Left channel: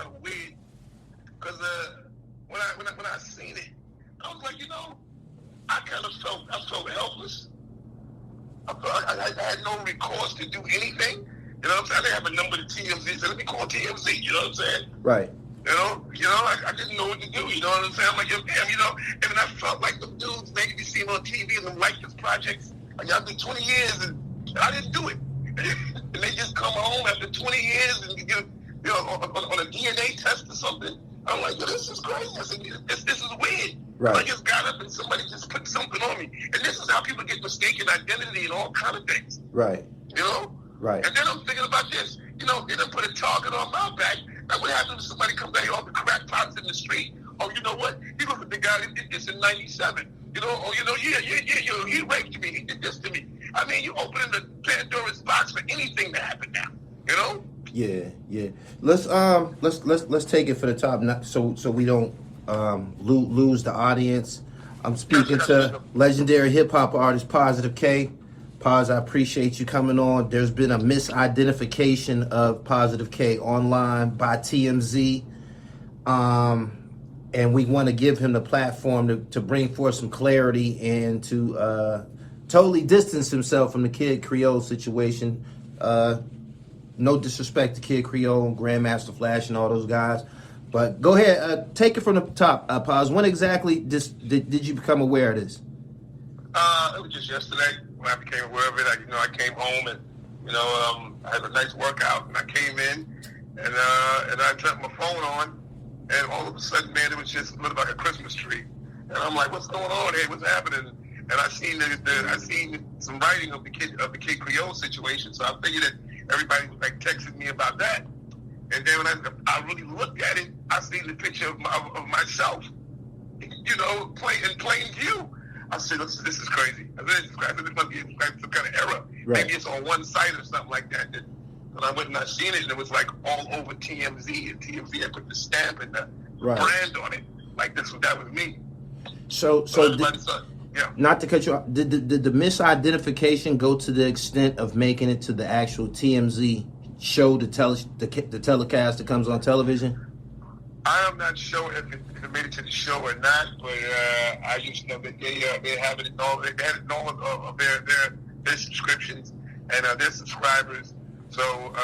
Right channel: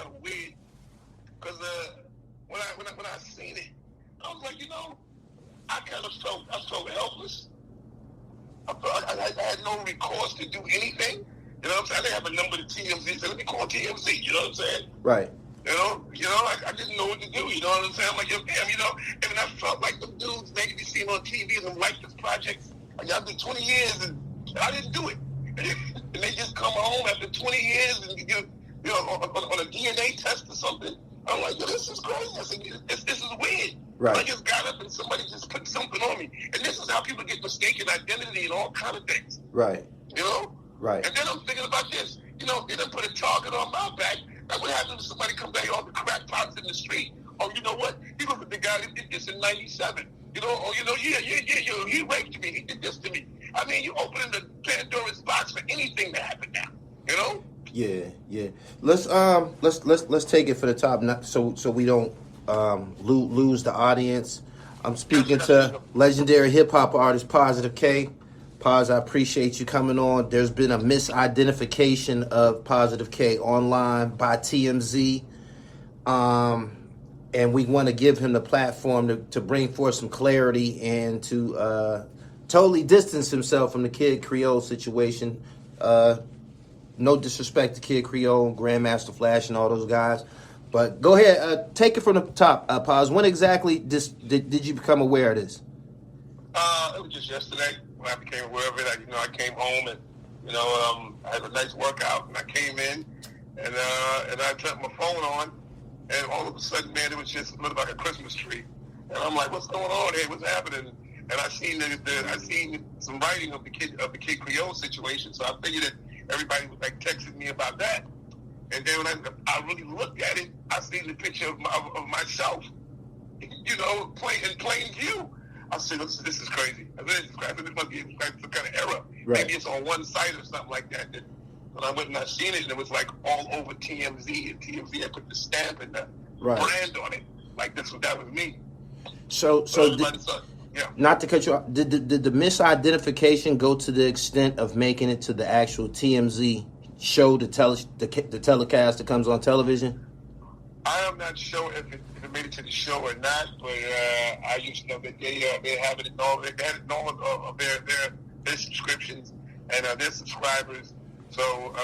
kind of weird because when I seen it, I was like, I felt helpless. I had no recourse to do anything. You know what I'm saying? I didn't have a number to TMZ, so let me call TMZ. You know what I'm saying? Right. I didn't know what to do. You know what I'm saying? I'm like, damn, and I felt like them dudes making me see on TV and them like this project. Like, I've been 20 years and I didn't do it. And they just come home after 20 years and on a DNA test or something. I'm like, this is crazy. I said, this is weird. Right. I just got up and somebody just put something on me. And this is how people get mistaken identity and all kind of things. Right. Right. And then I'm thinking about this. They done put a target on my back. Now, what happens if somebody comes down here off the crackpots in the street? Oh, you know what? He was the guy that did this in 97. he raped me. He did this to me. I mean, you opening the Pandora's box for anything to happen now, Yeah. Let's take it for the top, so we don't lose the audience. I'm speaking to legendary hip hop artist Positive K. Paz, I appreciate you coming on. There's been a misidentification of Positive K online by TMZ, and we want to give him the platform to bring forth some clarity and to totally distance himself from the Kid CREOLE situation. No disrespect to Kid CREOLE, Grandmaster Flash, and all those guys. But go ahead, take it from the top, Paz. When exactly did you become aware of this? It was just yesterday when I became aware of it. I came home and, I had a nice workout and I came in and I turned my phone on and all of a sudden, man, it was just looked like a Christmas tree. And I'm like, what's going on here? What's happening? And I seen some writing of the Kid CREOLE situation, so I figured that everybody was like texting me about that. And then when I really looked at it, I seen the picture of myself, in plain view. I said, this is crazy. I said, this must be some kind of error. Right. Maybe it's on one site or something like that. And I went and I seen it, and it was like all over TMZ. And TMZ had put the stamp and the brand on it. Like that was me. So not to cut you off, did the misidentification go to the extent of making it to the actual TMZ show, the telecast that comes on television? I am not sure if it made it to the show or not, but I just know that they have it in all. They had it in all of their subscriptions and their subscribers. So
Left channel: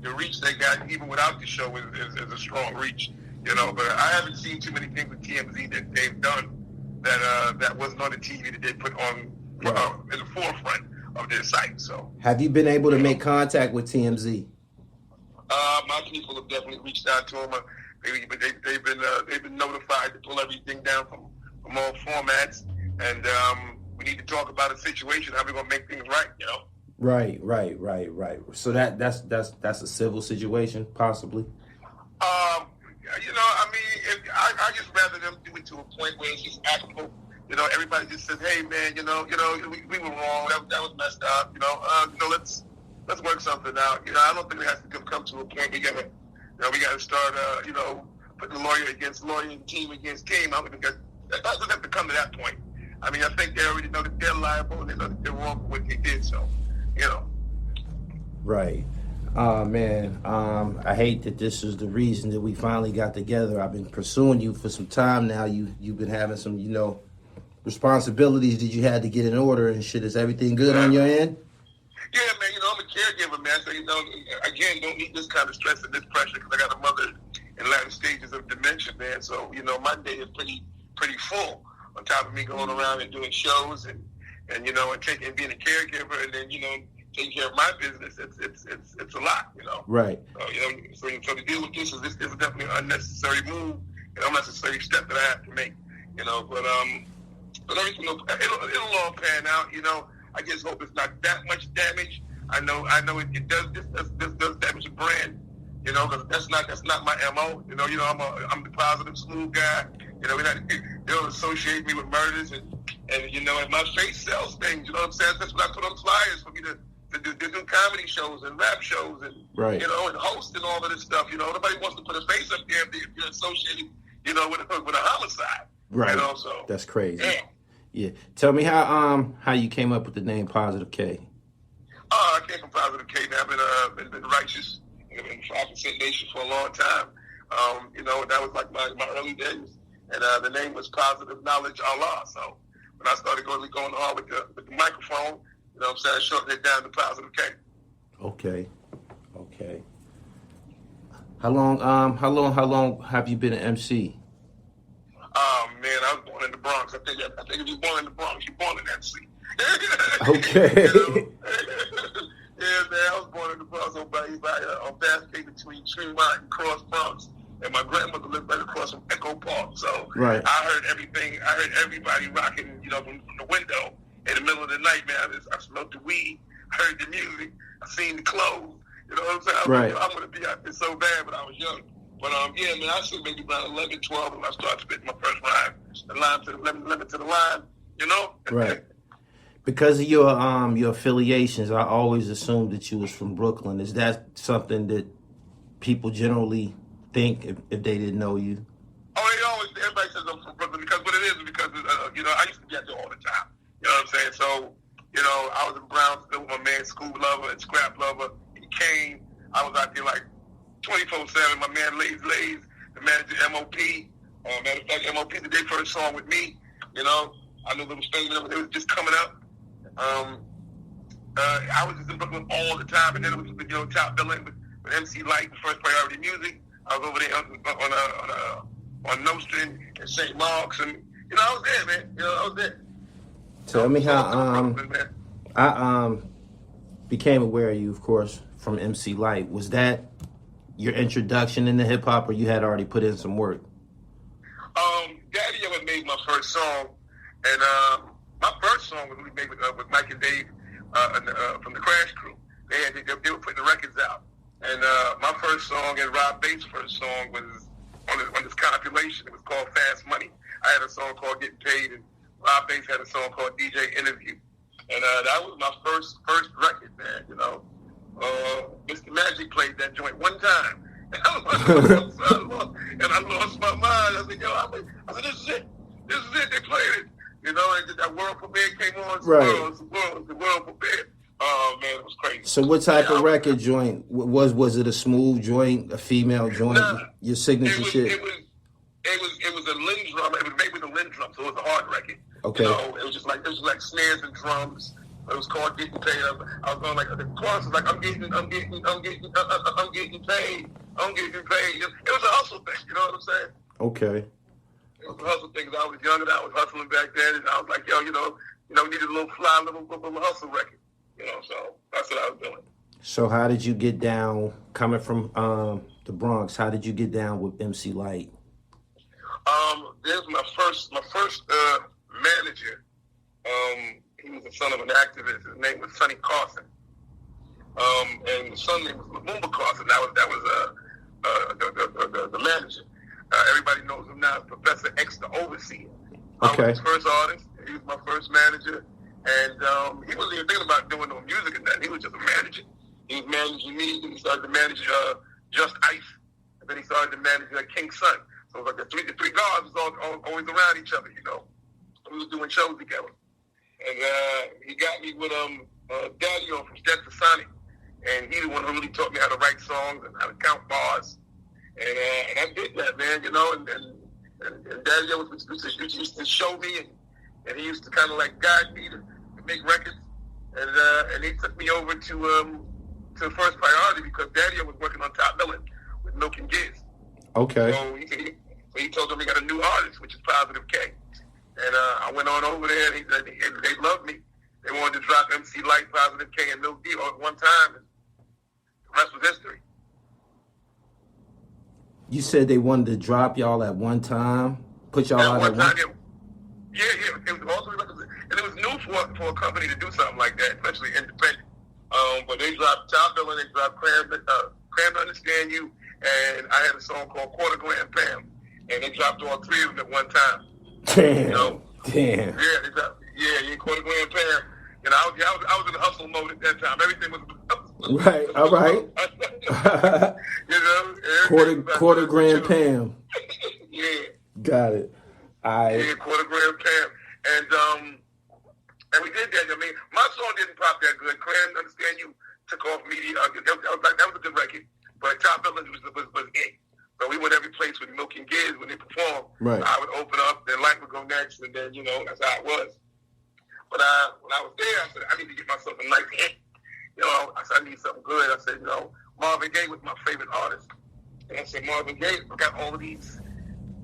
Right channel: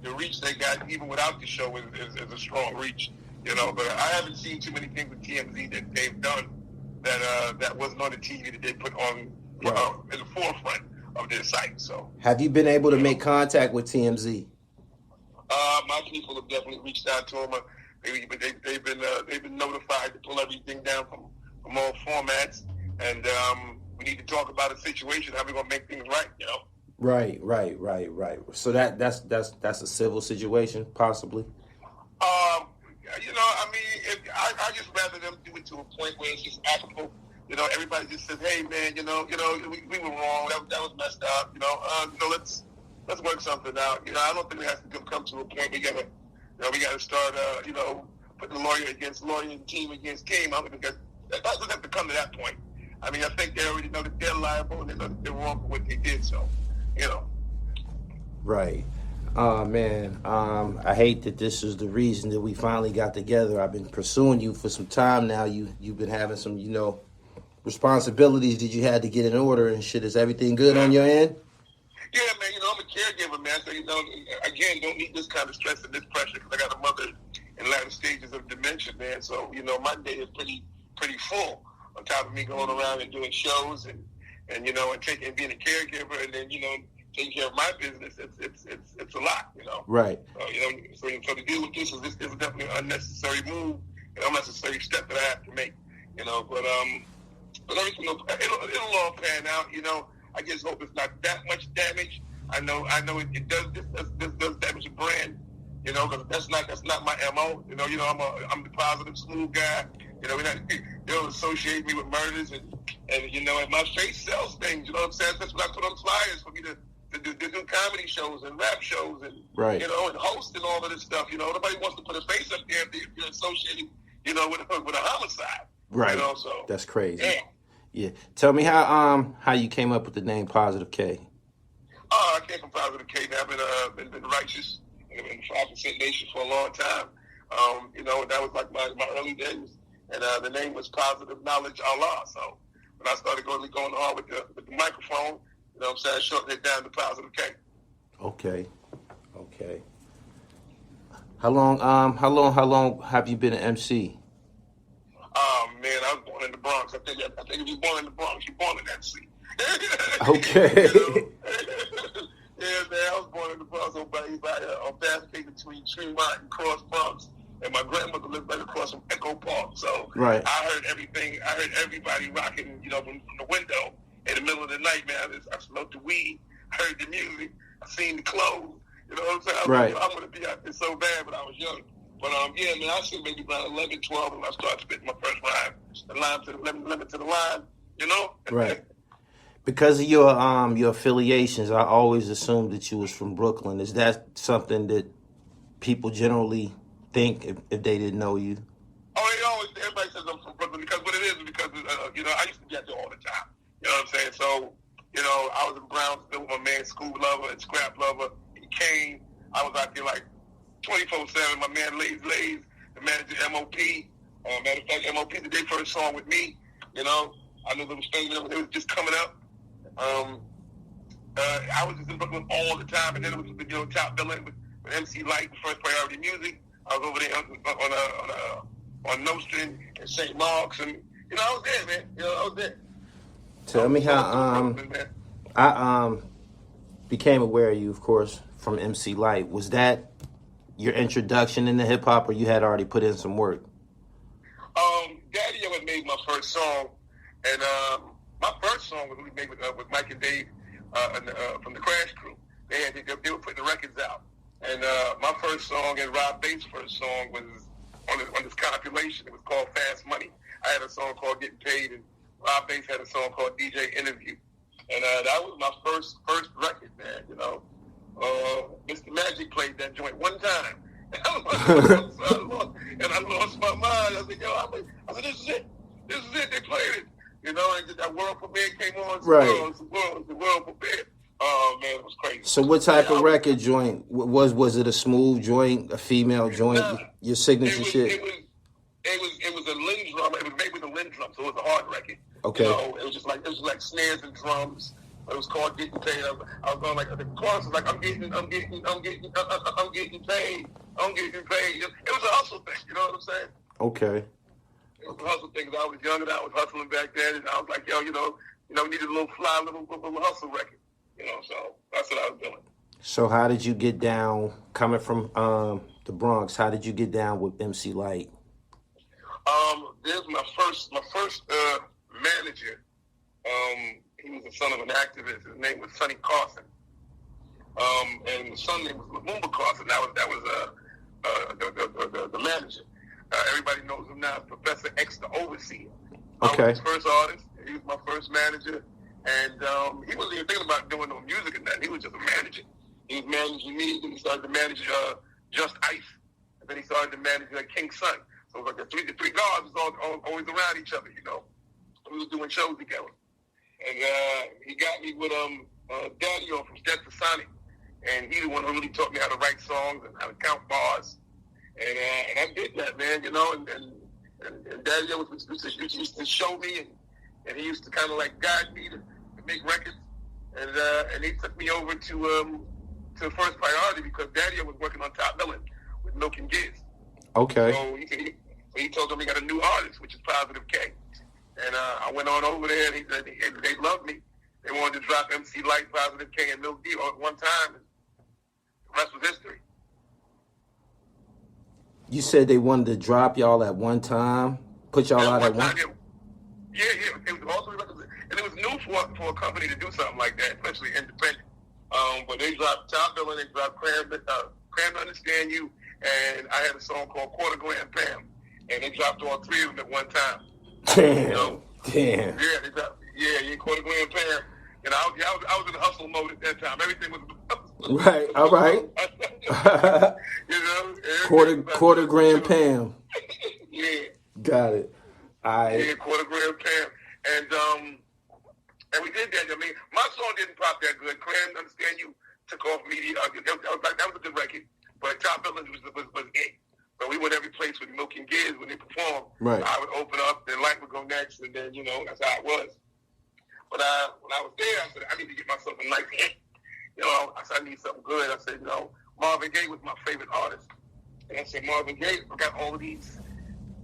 the reach they got, even without the show, is a strong reach. But I haven't seen too many things with TMZ that they've done that wasn't on the TV that they put on in the forefront of their site. So, have you been able to make contact with TMZ? My people have definitely reached out to them. They've been notified to pull everything down from all formats, and we need to talk about a situation, how we're gonna make things right. Right. So that's a civil situation, possibly. I just rather them do it to a point where it's just amicable. Everybody just says, "Hey, man, we were wrong. That was messed up. Let's work something out." I don't think it has to come to a point we gotta start, putting lawyer against lawyer and team against team. I don't think that doesn't have to come to that point. I mean, I think they already know that they're liable and they know that they're wrong for what they did. So, Right. Man, I hate that this is the reason that we finally got together. I've been pursuing you for some time now. You've been having some, responsibilities that you had to get in order and shit. Is everything good on your end? Yeah, man, I'm a caregiver, man. So, again, don't need this kind of stress and this pressure because I got a mother in latter stages of dementia, man. So, my day is pretty full on top of me going around and doing shows and being a caregiver and then, taking care of my business. It's a lot, Right. So to deal with this is definitely an unnecessary move and unnecessary step that I have to make, but everything it'll all pan out, I just hope it's not that much damage. I know it does damage the brand, because that's not my MO. I'm the positive, smooth guy. They don't associate me with murders and my face sells things. You know what I'm saying? That's what I put on flyers for me to do comedy shows and rap shows and and host and all of this stuff. Nobody wants to put a face up there if you're associated, with a homicide. Right. So that's crazy. Yeah. Tell me how you came up with the name Positive K. I came from Positive K. Now I've been righteous in 5% Nation for a long time. You know, that was like my early days. And the name was Positive Knowledge Allah. So when I started going hard with the microphone, you know what I'm saying, I shortened it down to Positive K. Okay. How long have you been an MC? Man, I was born in the Bronx. I think if you're born in the Bronx, you're born in MC. Okay. You know? Yeah, man, I was born in the Bronx on Basket between Tremont and Cross Bronx. And my grandmother lived right across from Echo Park. So right. I heard everything. I heard everybody rocking, you know, from the window in the middle of the night, man. I smoked the weed, heard the music, I seen the clothes. You know what I'm saying? I was right. like, I'm going to be out there so bad, but I was young. But, yeah, man, I should maybe around 11, 12 when I started spitting my first rhyme. The line to the limit to the line, you know? Right. Because of your affiliations, I always assumed that you was from Brooklyn. Is that something that people generally think if they didn't know you? Oh, everybody says I'm from Brooklyn because what it is because, you know, I used to be out there all the time. You know what I'm saying? So, you know, I was in Brownsville with my man, School Lover and Scrap Lover. He came. I was out there like 24/7. My man Lays, the manager MOP. Matter of fact, MOP did their first song with me. You know, I knew they was just coming up. I was just in Brooklyn all the time, and then it was you know top billing with MC LYTE, First Priority Music. I was over there on Nostrand and St. Mark's, and you know I was there, man. You know I was there. Tell me how I became aware of you, of course, from MC LYTE. Was that your introduction into hip hop, or you had already put in some work? Daddy ever made my first song, and my first song was we made with Mike and Dave from the Crash Crew. They were putting the records out, and my first song and Rob Bates' first song was on this compilation. It was called Fast Money. I had a song called Getting Paid, and Rob Bates had a song called DJ Interview, and that was my first record, man. You know, Mr. Magic played that joint one time. And I lost my mind. I said, yo, this is it. They played it. You know, and that World Premiere came on. Right. The World Premiere. Oh, man, it was crazy. So what type of record joint? Was it a smooth joint, a female joint, your signature shit? It was a Lindrum. It was made with a Lindrum, so it was a hard record. Okay. You know, it was like snares and drums. It was called Getting Paid. I was going like the chorus was like I'm getting paid. I'm getting paid. It was a hustle thing. You know what I'm saying? Okay. It was a hustle thing. I was young and I was hustling back then, and I was like, yo, we needed a little fly, little hustle record. You know, so that's what I was doing. So how did you get down coming from the Bronx? How did you get down with MC LYTE? There's my first manager. He was the son of an activist. His name was Sonny Carson. And his son name was Lumumba Carson. That was the manager. Everybody knows him now as Professor X, the overseer. Okay. I was his first artist. He was my first manager. And he wasn't even thinking about doing no music and that. He was just a manager. He was managing me. Then he started to manage Just Ice. And then he started to manage King Son. So it was like the three guards was always around each other, you know. We was doing shows together. And he got me with Daddy from Stetsasonic. And he's the one who really taught me how to write songs and how to count bars. And I did that, man, you know. And Daddy used to show me, and he used to kind of like guide me to make records. And he took me over to First Priority because Daddy was working on Top Million with Milk and Giz. Okay. So he told them he got a new artist, which is Positive K. And I went on over there, and they loved me. They wanted to drop MC LYTE, Positive K, and Milk D all at one time. And the rest was history. You said they wanted to drop y'all at one time? Put y'all out at one time? Yeah. It was also, and it was new for a company to do something like that, especially independent. But they dropped Top Bill, and they dropped Cram to Understand You, and I had a song called Quarter Grand Pam, and they dropped all three of them at one time. Damn. You know? Damn. Yeah, they dropped, Quarter Grand Pam. And I was in hustle mode at that time. Everything was right. All right. You know, quarter grand Pam. Yeah. Got it. Yeah, Quarter Grand Pam, and we did that. I mean, my song didn't pop that good. Cram Understand You took off media. That was a good record, but Top Villains was it. So we went every place with Milk and Giz when they performed. Right. So I would open up, then Lyte would go next, and then, that's how it was. But when I was there, I said, I need to get myself a nice hit. I said, I need something good. I said, Marvin Gaye was my favorite artist. And I said, Marvin Gaye, I got all these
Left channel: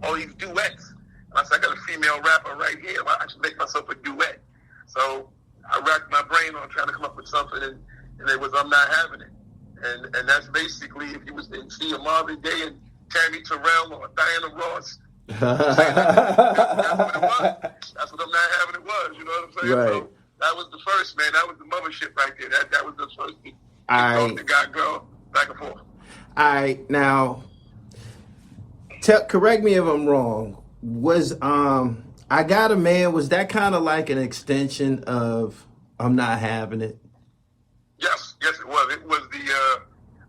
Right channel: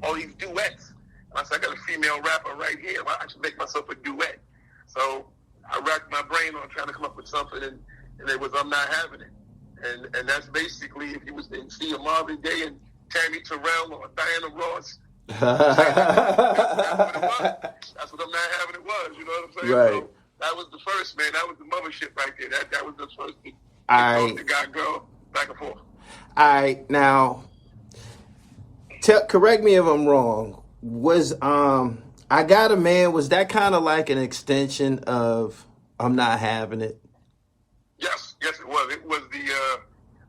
duets. And I said, I got a female rapper right here. Why I should make myself a duet. So I racked my brain on trying to come up with something, and it was I'm Not Having It. And that's basically, if you was to see a Marvin Gaye and Tammy Terrell or Diana Ross, that's what it was. That's what I'm Not Having It was. You know what I'm saying? Right. So that was the first, man. That was the mothership right there. That was the first thing. The guy, girl, back and forth. All right, now, correct me if I'm wrong. Was I Got a Man, was that kind of like an extension of I'm Not Having It? Yes, it was. It was the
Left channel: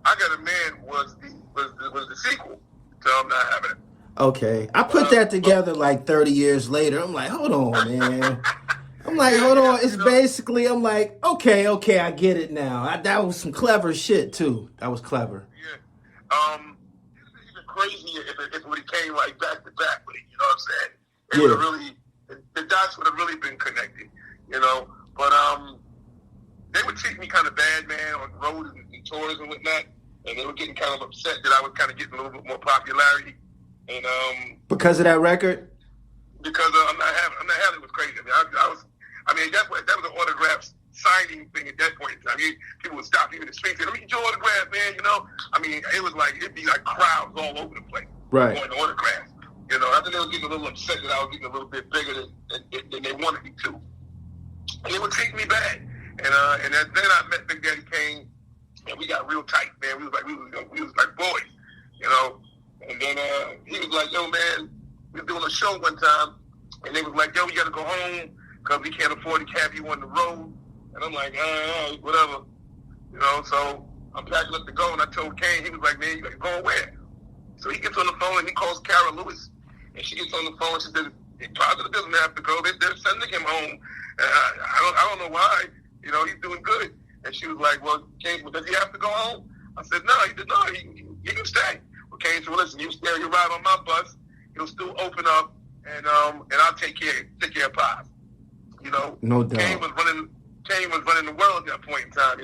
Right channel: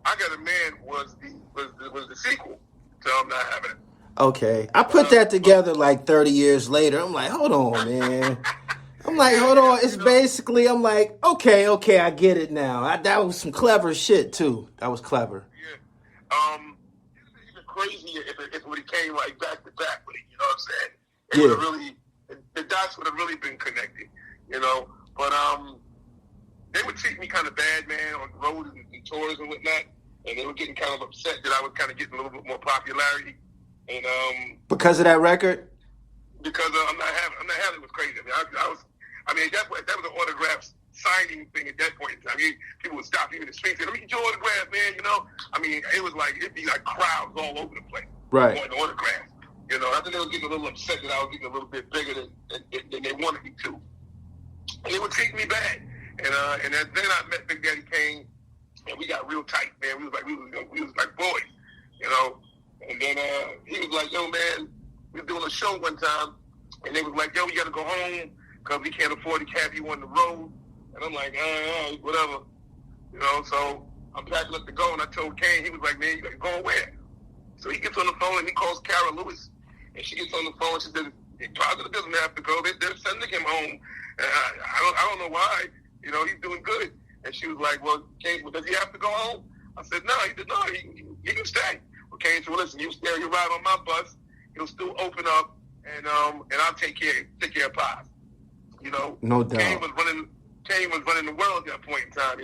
I Got a Man was the sequel to I'm Not Having It. Okay, I put that together like 30 years later. I'm like, hold on, man. It's basically, I'm like, okay, I get it now. That was some clever shit too. That was clever. Yeah. It's even crazier if it would have came like back to back with it. You know what I'm saying? It would have really, the dots would have really been connected. But they would treat me kind of bad, man, on the road and tours and whatnot, and they were getting kind of upset that I was kind of getting a little bit more popularity. And because of that record? Because I'm not having it was crazy. I mean, that was an autograph signing thing at that point in time. People would stop you in the street and say, "Let me get your autograph, man." I mean, it was like it'd be like crowds all over the place, right? Going to autographs. I think they were getting a little upset that I was getting a little bit bigger than they wanted me to. And they would treat me bad. And then I met Big Daddy Kane, and we got real tight, man. We was like boys, And then he was like, "Yo, man, we were doing a show one time, and they was like, yo, you got to go home because we can't afford to have you on the road." And I'm like, whatever. So I'm packing up to go, and I told Kane, he was like, "Man, you got to go where?" So he gets on the phone, and he calls Kara Lewis, and she gets on the phone, and she says, "He probably doesn't have to go. They're sending him home. I don't know why. He's doing good." And she was like, "Well, Kane, does he have to go home?" I said, "No." He said, "No, he can stay." Well, Kane said, "Well, listen, you stay, you ride on my bus. He'll still open up, and I'll take care of Pies." No doubt. Kane was running the world at that point in time.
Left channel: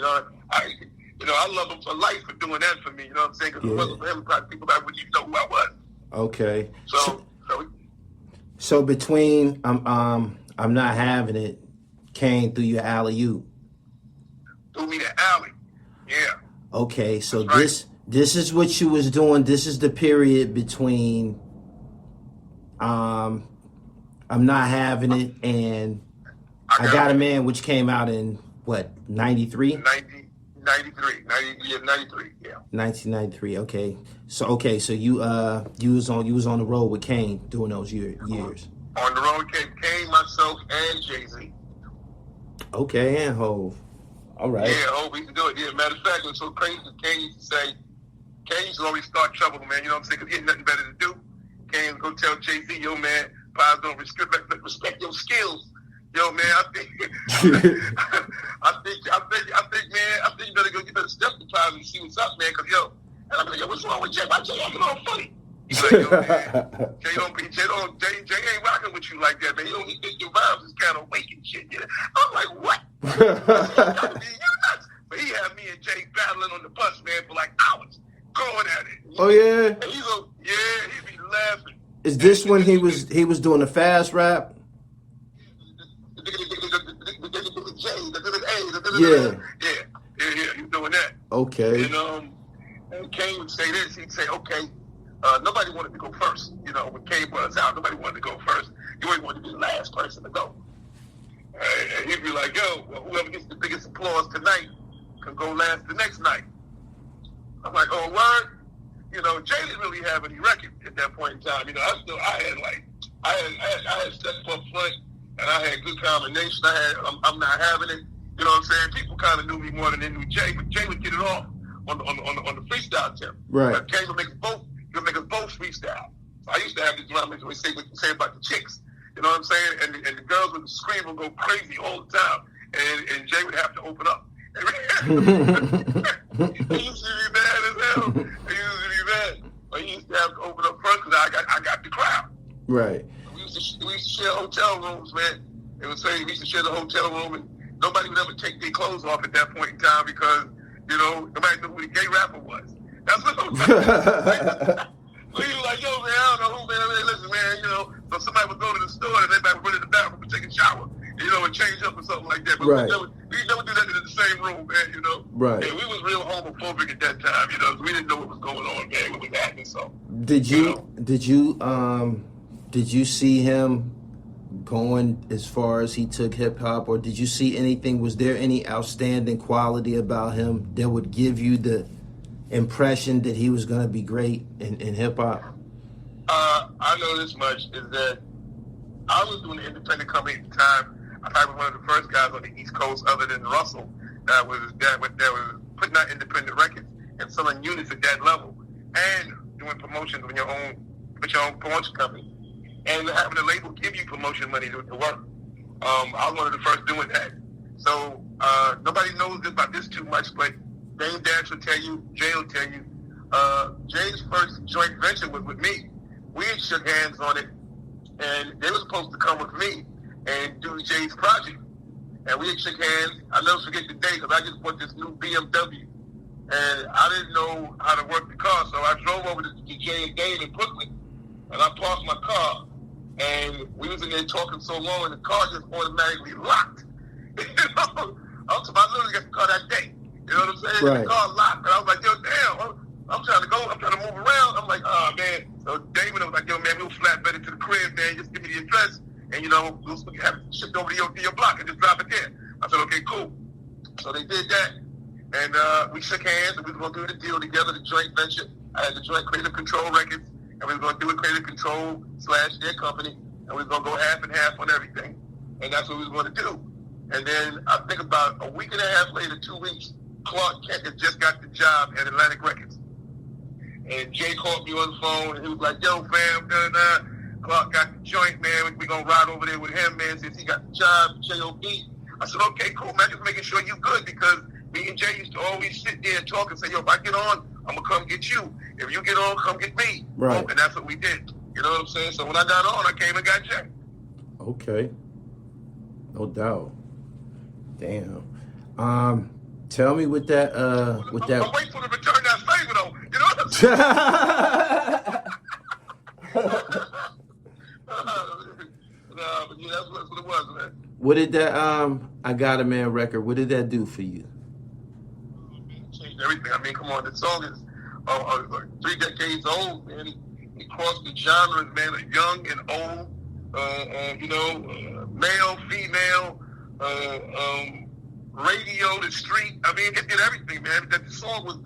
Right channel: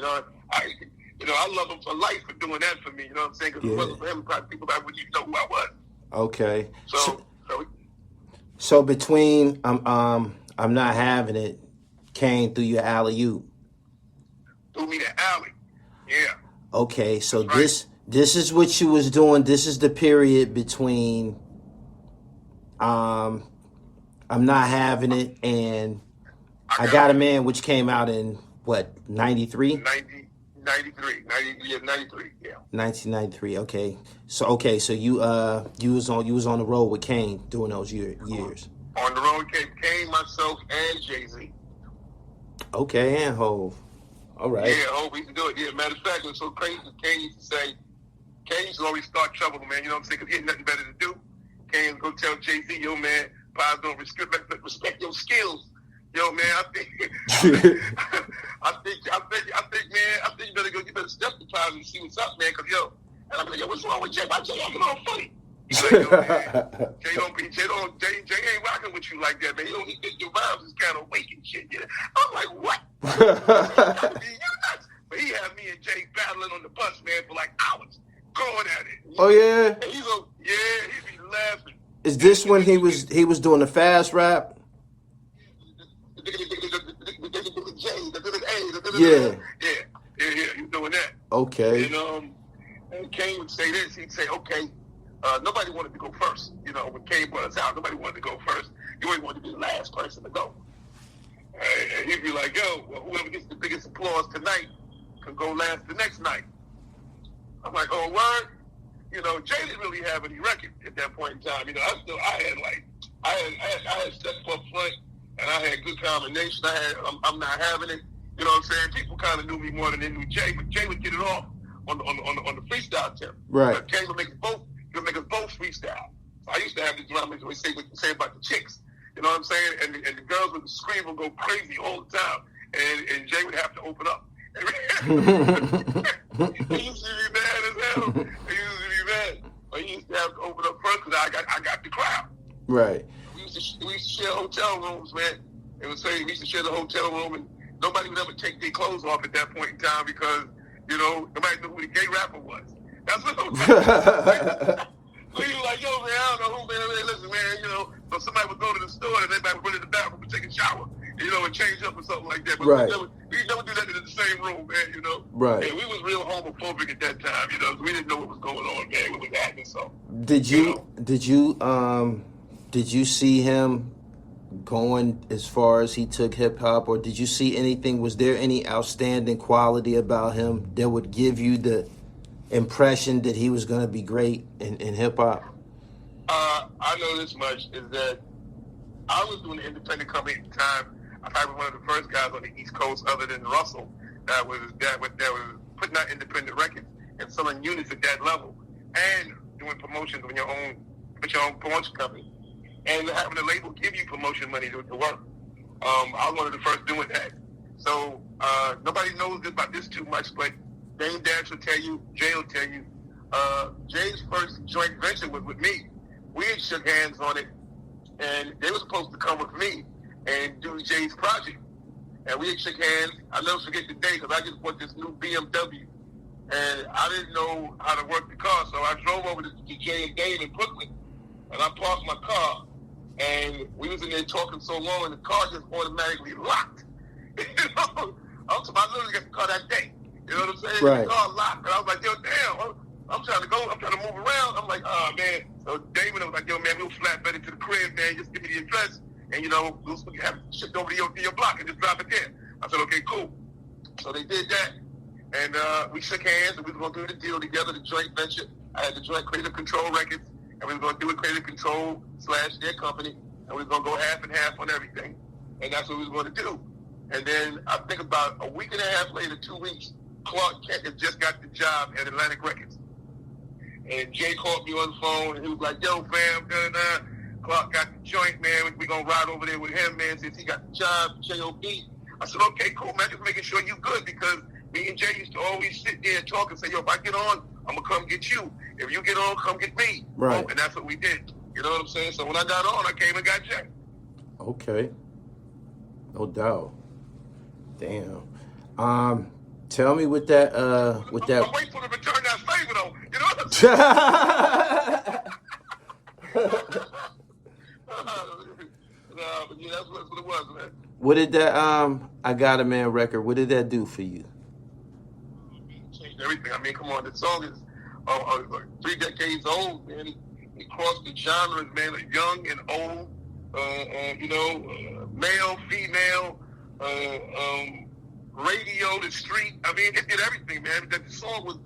I love him for life for doing that for me. You know what I'm saying? Because if it wasn't for him, probably people that wouldn't even know who I was. Okay. So between I'm Not Having It, Kane threw you alley-oop. Threw me the alley. Yeah. Okay, so right. This is what you was doing. This is the period between I'm Not Having It and I Got a Man, which came out in what, 93? 93, yeah. 1993. Okay. So you was on the road with Kane during those years. On the road with Kane, myself, and Jay-Z. Okay, and Hov. All right. Yeah, Hov, we can do it. Yeah, matter of fact, it was so crazy. Kane used to always start trouble, man. You know what I'm saying? Because he had nothing better to do. Kane would go tell Jay-Z, "Yo, man, Pies don't respect your skills. Yo, man, I think man, I think you better step the Pies and see what's up, man. Because and I'm like, yo, what's wrong with Jay? Why Jay acting all funny?" He's like, "Yo, man, Jay ain't rocking with you like that, man. He think your vibes is kind of weak and shit." Yeah. I'm like, what? But he had me and Jay battling on the bus, man, for like hours, going at it. Oh yeah. And he'd be laughing. Is this when he was doing the fast rap? Yeah, he's doing that. Okay. And Kane would say this. He'd say, "Okay, nobody wanted to go first. When Kane brought us out, nobody wanted to go first. You always wanted to be the last person to go." And he'd be like, "Yo, well, whoever gets the biggest applause tonight can go last the next night." I'm like, "Oh, word?" Jay didn't really have any record at that point in time. I had Step Up Front, and I had Good Combination. I'm Not Having It. You know what I'm saying? People kind of knew me more than they knew Jay, but Jay would get it off on the freestyle tip. Right. But Jay would make us both freestyle. So I used to have the drama always say what you say about the chicks. You know what I'm saying? And the girls would scream and go crazy all the time, and Jay would have to open up. He used to be mad as hell. He used to be mad. but he used to have to open up first because I got the crowd. Right. We used to share hotel rooms, man. It was saying we used to share the hotel room, and nobody would ever take their clothes off at that point in time because, you know, nobody knew who the gay rapper was. That's what it was like. We was like, yo, man, I don't know who, man. Listen, man, you know, so somebody would go to the store and everybody would go to the bathroom and take a shower, you know, and change up or something like that. But right. we never do that in the same room, man, you know. Right. And we was real homophobic at that time, you know, so we didn't know what was going on, man, what was happening. So did you see him going as far as he took hip hop, or did you see anything? Was there any outstanding quality about him that would give you the impression that he was going to be great in hip hop? I know this much is that I was doing an independent company at the time. I probably was one of the first guys on the East Coast, other than Russell, that was putting out independent records and selling units at that level, and doing promotions with your own promotion company, and having a label give you promotion money to work. I was one of the first doing that. So nobody knows about this too much, but Dame Dash will tell you, Jay will tell you, Jay's first joint venture was with me. We had shook hands on it, and they were supposed to come with me and do Jay's project. And we had shook hands. I'll never forget the day because I just bought this new BMW, and I didn't know how to work the car, so I drove over to Jay and Dave in Brooklyn, and I parked my car, and we was in there talking so long, and the car just automatically locked. You know? I literally got the car that day. You know what I'm saying? Right. The car locked, and I was like, yo, damn, I'm trying to move around. I'm like, oh, man. So David was like, yo, man, we'll flatbed it to the crib, man. Just give me the address, and, you know, we'll have it shipped over to your block and just drop it there. I said, okay, cool. So they did that, and we shook hands, and we were going to do the deal together, the joint venture. I had the joint Creative Control Records, and we were going to do a Creative Control / their company, and we were going to go half and half on everything, and that's what we were going to do. And then I think about a week and a half later, 2 weeks, Clark Kent had just got the job at Atlantic Records. And Jay called me on the phone, and he was like, yo, fam, Clark got the joint, man. We're going to ride over there with him, man, since he got the job, J.O.B. I said, okay, cool, man. Just making sure you good, because me and Jay used to always sit there and talk and say, yo, if I get on, I'm going to come get you. If you get on, come get me. Right. And that's what we did. You know what I'm saying? So when I got on, I came and got Jay. Okay. No doubt. Damn. Tell me with that, I'm waiting for him to return that favor, though. You know what I'm saying? But yeah, that's what it was, man. What did that, I Got a Man record, what did that do for you? It changed everything. I mean, come on, the song is 3 decades old, man. It crossed the genres, man, young and old, you know, male, female, radio, the street. I mean, it did everything, man. That song was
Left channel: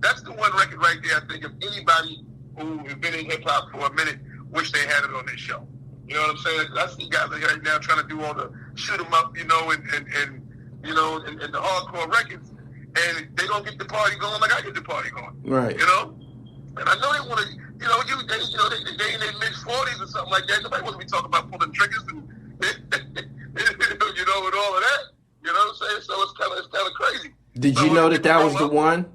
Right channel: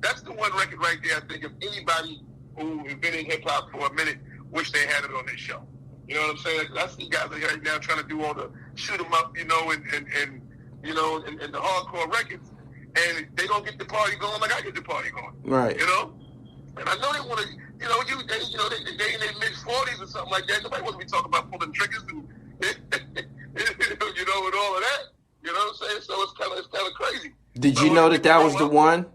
that's the one record right there, I think, if anybody who has been in hip-hop for a minute wish they had it on their show. You know what I'm saying? I see guys right now trying to do all the shoot 'em up, you know, and you know, and the hardcore records, and they don't get the party going like I get the party going. Right. You know? And I know they want to, you know, they in their mid-40s or something like that. Nobody wants to be talking about pulling triggers and, you know, and all of that. You know what I'm saying? So it's kind of crazy. Did you know that was the one?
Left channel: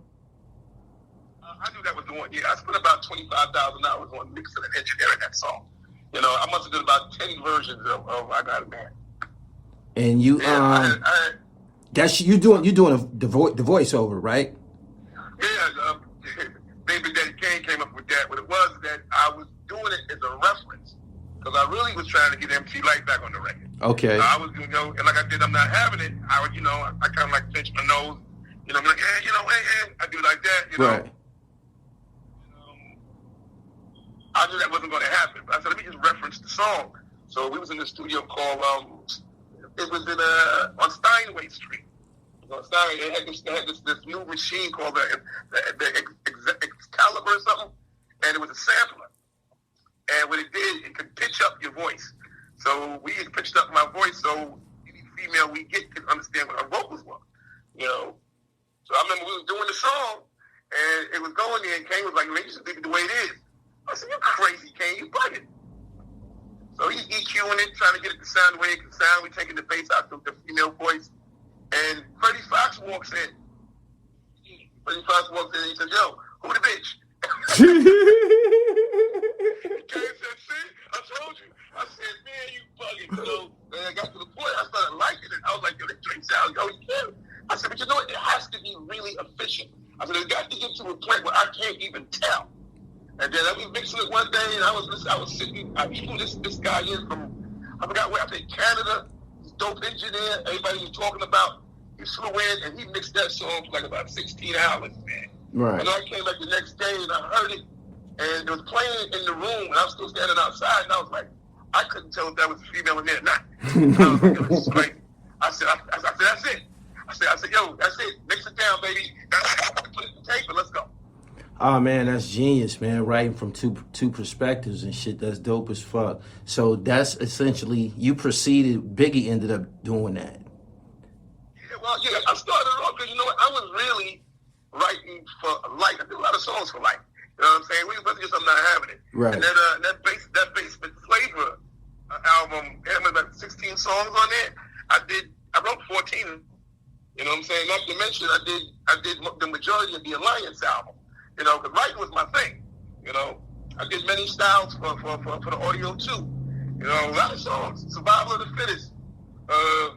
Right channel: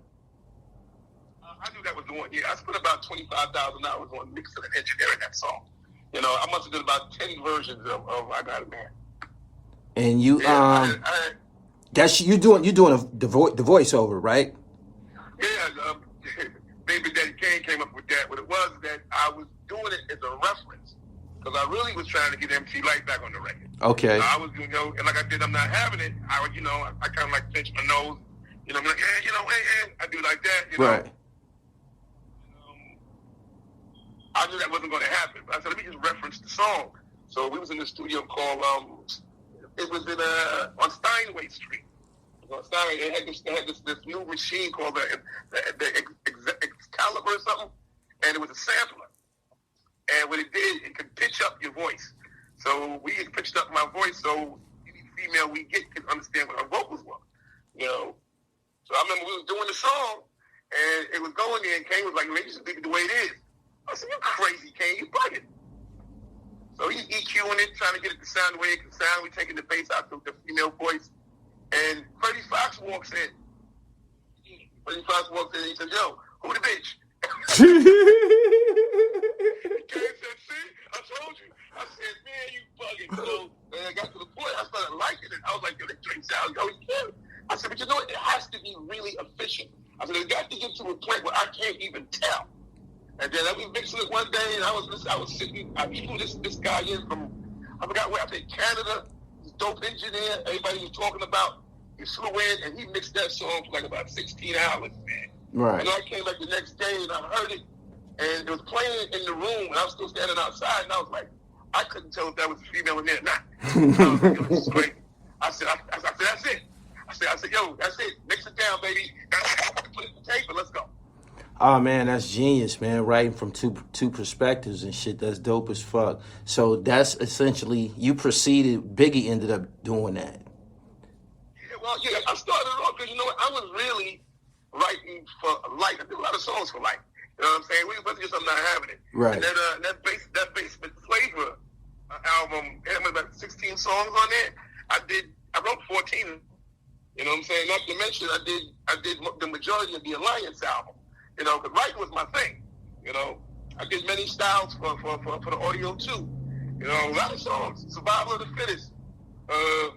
I knew that was the one. Yeah, I spent about $25,000 on mixing and engineering that song. You know, I must have done about 10 versions of I Got a Man. And you, that's you doing the voiceover, right? Yeah, Baby Daddy Kane came up with that. What it was that I was doing it as a reference, because I really was trying to get MC LYTE back on the record. Okay. I was, you know, and like I did, I'm not having it. I would, you know, I kind of like pinch my nose. You know, I'm like, you know, I do like that, you know. Right. I knew that wasn't going to happen. But I said, let me just reference the song. So we was in the studio called, it was in on Steinway Street. On Steinway, they had this new machine called the Excalibur or something, and it was a sampler. And what it did, it could pitch up your voice. So we had pitched up my voice so any female we get could understand what our vocals were, you know. So I remember we was doing the song, and it was going there, and Kane was like, "Let's just leave it the way it is." I said, "You crazy, Kane? You bugging?" So he's EQing it, trying to get it to sound the way it can sound. We taking the bass out the female voice, and Freddie Fox walks in. Freddie Fox walks in, and he says, "Yo, who the bitch?" even tell. And then I was mixing it one day, and I was sitting. I flew this guy in from, I forgot where, I think Canada. He's a dope engineer. Everybody was talking about. He flew in and he mixed that song for like about 16 hours, man. Right. And I came back the next day and I heard it, and it was playing in the room, and I was still standing outside, and I was like, I couldn't tell if that was a female in there or not. And I was like, yo, this is great. I said, that's it. I said, yo, that's it. Mix it down, baby. Put it in the tape and let's go. Oh man, that's genius, man. Writing from two perspectives and shit. That's dope as fuck. So that's essentially, you proceeded, Biggie ended up doing that. Yeah, well, yeah, I started off because, you know what, I was really writing for LYTE. I did a lot of songs for LYTE. You know what I'm saying? We wasn't just I'm not having it. Right. And then that basement flavor album, it had about 16 songs on it. I wrote 14. You know what I'm saying? Not to mention, I did the majority of the Alliance album. You know, because writing was my thing. You know, I did many styles for the audio too. You know, a lot of songs. Survival of the Fittest. A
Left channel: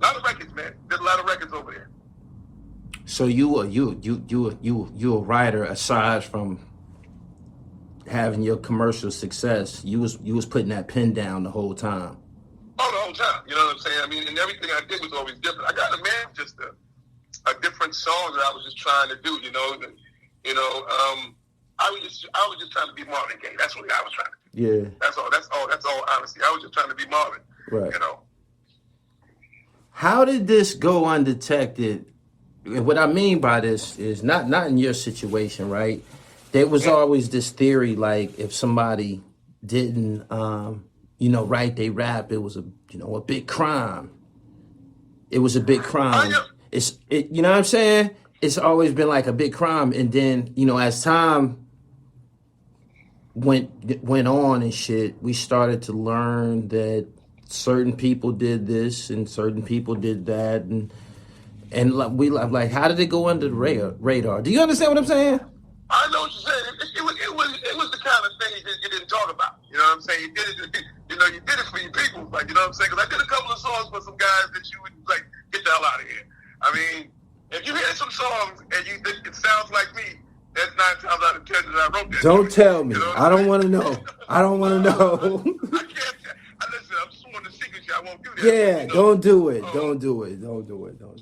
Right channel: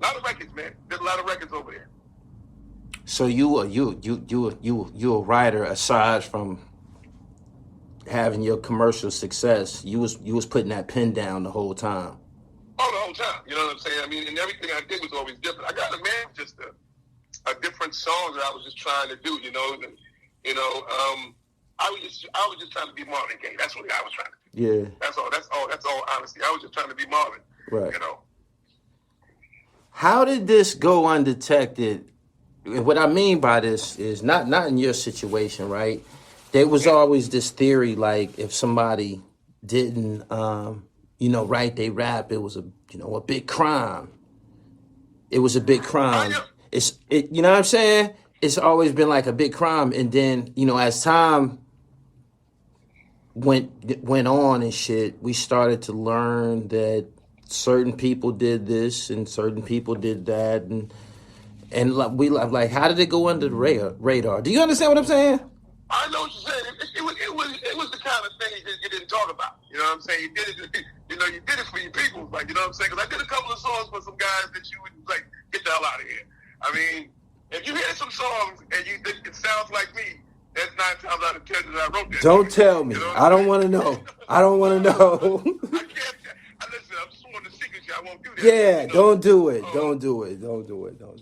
lot of records, man. Did a lot of records over there. So you a writer aside from having your commercial success. You was putting that pen down the whole time. Oh, the whole time. You know what I'm saying? I mean, and everything I did was always different. I got a man just a different song that I was just trying to do. You know. I was just trying to be Marvin Gaye. That's what I was trying to do. Yeah. That's all. Honestly, I was just trying to be Marvin. Right. You know. How did this go undetected? And what I mean by this is not in your situation, right? There was always this theory, like if somebody didn't, write they rap, it was a big crime. It was a big crime. You know what I'm saying? It's always been like a big crime. And then, as time went on and shit, we started to learn that certain people did this and certain people did that. And like, how did it go under the radar? Do you understand what I'm saying? I know what you're saying. It was the kind of thing that you didn't talk about. You know what I'm saying? You did it. You did it for your people. Like, you know what I'm saying? Because I did a couple of songs for some guys that you would like, get the hell out of here. I mean, if you hear some songs and you think it sounds like me, that's 9 times out of 10 that I wrote that. Don't tell me. I don't want to know. I don't want to know. I can't. Listen, I'm sworn to secrecy. I won't do that. Yeah, don't do it. Don't do it. Don't do it. Don't.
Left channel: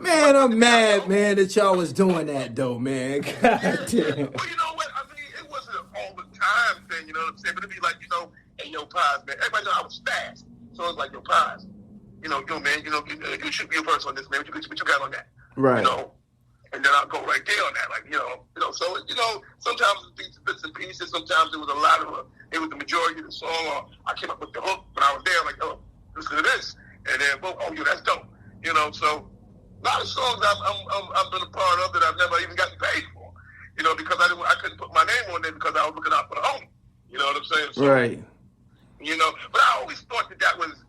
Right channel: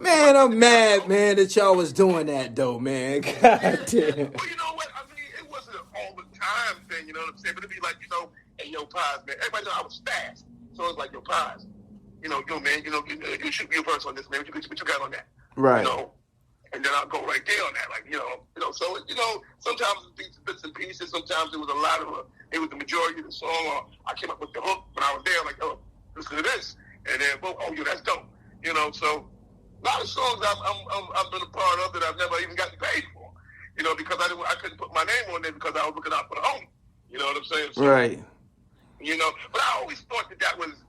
Man, I'm mad, man, that y'all was doing that, though, man. God damn. Well, you know what? I mean, it wasn't an all the time thing, you know what I'm saying? But it'd be like, hey, yo, Pies, man. Everybody know I was fast. So it's like, yo, Pies. Yo, man, you should be a verse on this, man. What you got on that? Right. And then I'll go right there on that. Like, so, sometimes it's bits and pieces. Sometimes it was a lot of it was the majority of the song. Or I came up with the hook when I was there, like, oh, listen to this. And then, that's dope. So a lot of songs I've been a part of that I've never even gotten paid for. Because I couldn't put my name on there because I was looking out for the homie. You know what I'm saying? So, right. But I always thought that was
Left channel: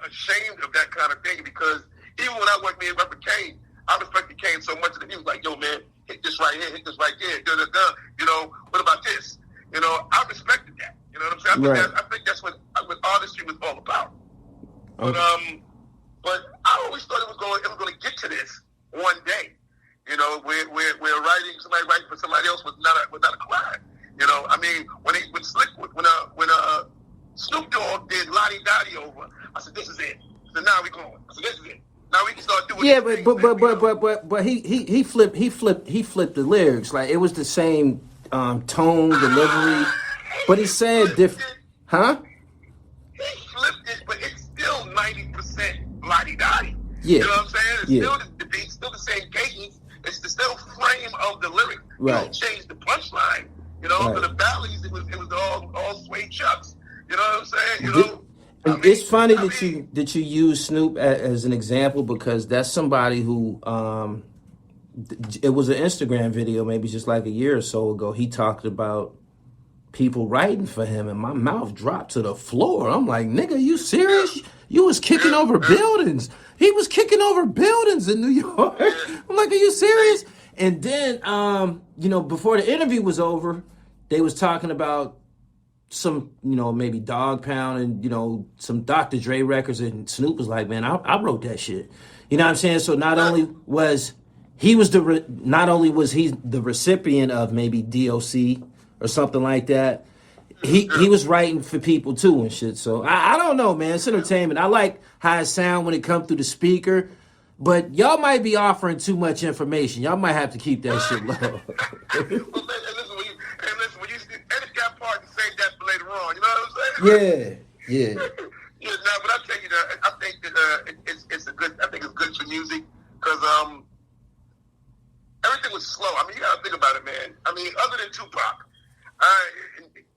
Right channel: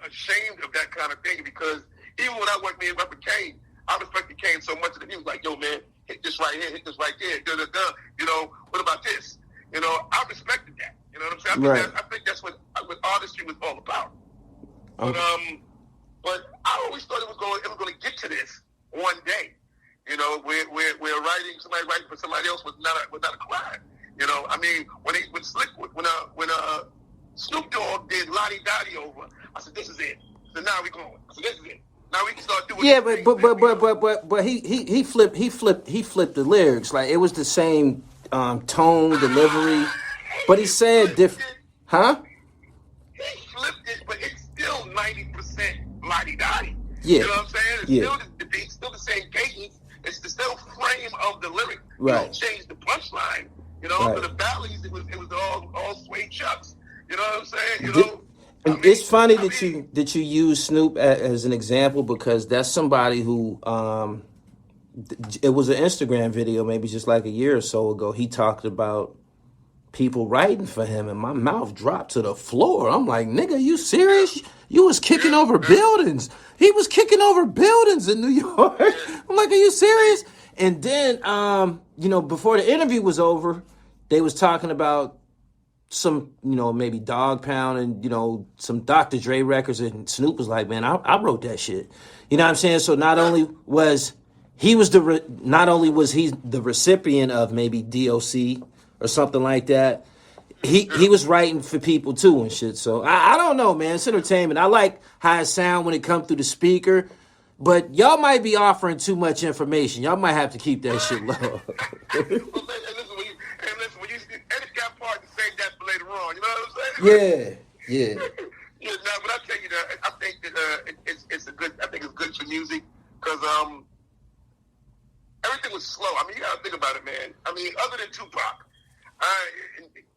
ashamed of that kind of thing because even when I went in Reverend Kane, I respected Kane so much that he was like, yo, man, hit this right here, hit this right there, what about this? I respected that. You know what I'm saying? I think that's what artistry was all about. But but I always thought it was going to get to this one day. Where somebody writing for somebody else was not a crime. I mean, when Snoop Dogg did Lottie Dottie over, I said, this is it. So now we going. I said, this is it. Now we can start doing. Yeah, but he flipped the lyrics. Like it was the same tone, delivery, but he said different. Huh? He flipped it, but it's still 90% Lottie Dottie. Yeah. You know what I'm saying? It's still the beat, still the same cadence. It's the still frame of the lyric. Right. You don't change the punchline. For the valleys, it was all suede chucks. You know what I'm saying? It's funny that you use Snoop as an example because that's somebody who it was an Instagram video maybe just like a year or so ago. He talked about people writing for him, and my mouth dropped to the floor. I'm like, nigga, you serious? You was kicking over buildings. He was kicking over buildings in New York. I'm like, are you serious? And then, before the interview was over, they was talking about some, maybe Dog Pound and, some Dr. Dre records. And Snoop was like, man, I wrote that shit. You know what I'm saying? So not only was he was not only was he the recipient of maybe DOC or something like that, he was writing for people too and shit. So I don't know, man. It's entertainment. I like how it sound when it comes through the speaker, but y'all might be offering too much information. Y'all might have to keep that shit low. Well, listen, when you edit that part and save that for later on, you know what I'm saying? Yeah. Yeah, no, but I tell you that I think that it's a good. I think it's good for music because everything was slow. I mean, you gotta think about it, man. I mean, other than Tupac,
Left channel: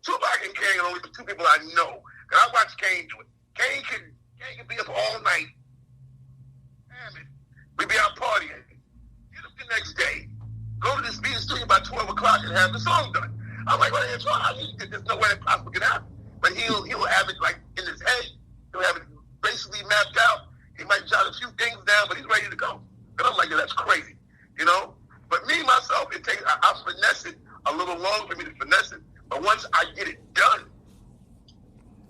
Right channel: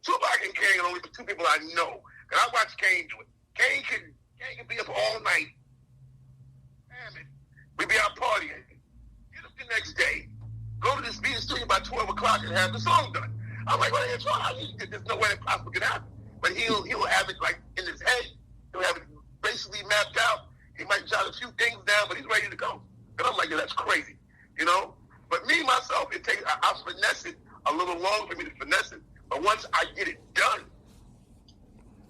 Tupac and Kane are only the two people I know. And I watch Kane do it. Kane could be up all night. Damn it. We'd be out partying. Get up the next day. Go to this meeting studio by 12 o'clock and have the song done. I'm like, well, there's no way it possibly can happen. But he'll have it like in his head. He'll have it basically mapped out. He might jot a few things down, but he's ready to go. And I'm like, yeah, that's crazy. You know? But me, myself, I'll finesse it a little long for me to finesse it. But once I get it done,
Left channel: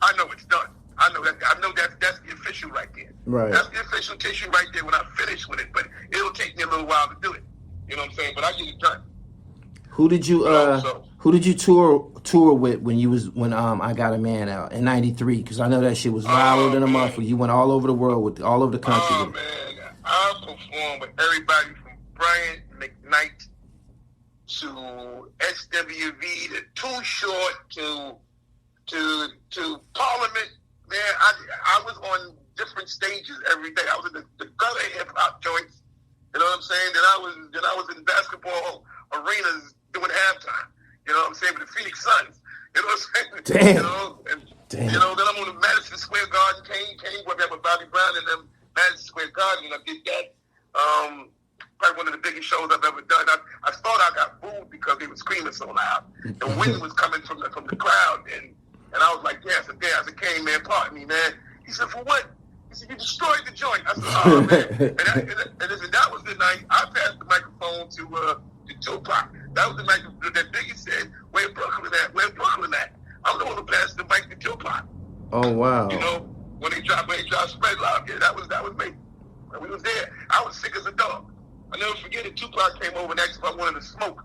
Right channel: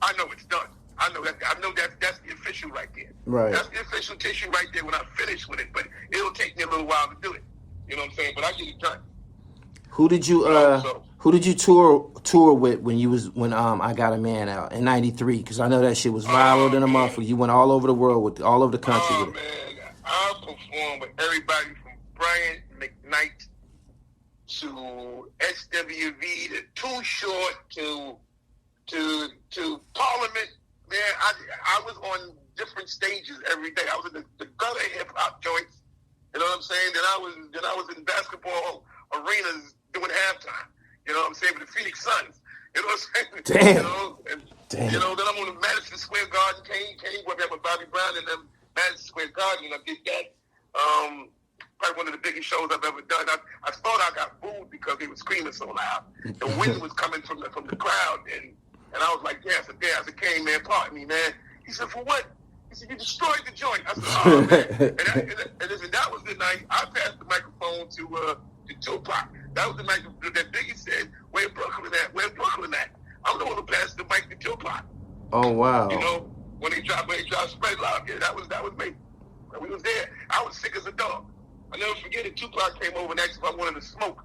I know it's done. I know that's the official right there. Right. That's the official tissue right there when I finish with it. But it'll take me a little while to do it. You know what I'm saying? But I get it done. Who did you tour with when I Got a Man out in '93? Because I know that shit was viral in a month. You went all over the world all over the country with it. Man, I performed with everybody from Brian McKnight to SWV to Too Short to Parliament. Man, I was on different stages every day. I was in the gutter hip hop joints. You know what I'm saying? Then I was in basketball arenas doing halftime. You know what I'm saying? With the Phoenix Suns. You know what I'm saying? Damn. You know, then I'm on the Madison Square Garden. Kane went there with Bobby Brown and them Madison Square Garden, and I did that. Probably one of the biggest shows I've ever done. I thought I got booed because they were screaming so loud. The wind was coming from the crowd, and I was like, yeah, I said, Kane, man, pardon me, man. He said, for what? He said, you destroyed the joint. I said, oh, man. And listen, that was the night I passed the microphone to Tupac. That was the night that Biggie said, where Brooklyn at? Where Brooklyn at? I'm the one who passed the mic to Tupac. Oh, wow. You know, when he dropped Spread Love, yeah, that was me. And we was there. I was sick as a dog. I'll never forget it. Tupac came over and asked if I wanted to smoke.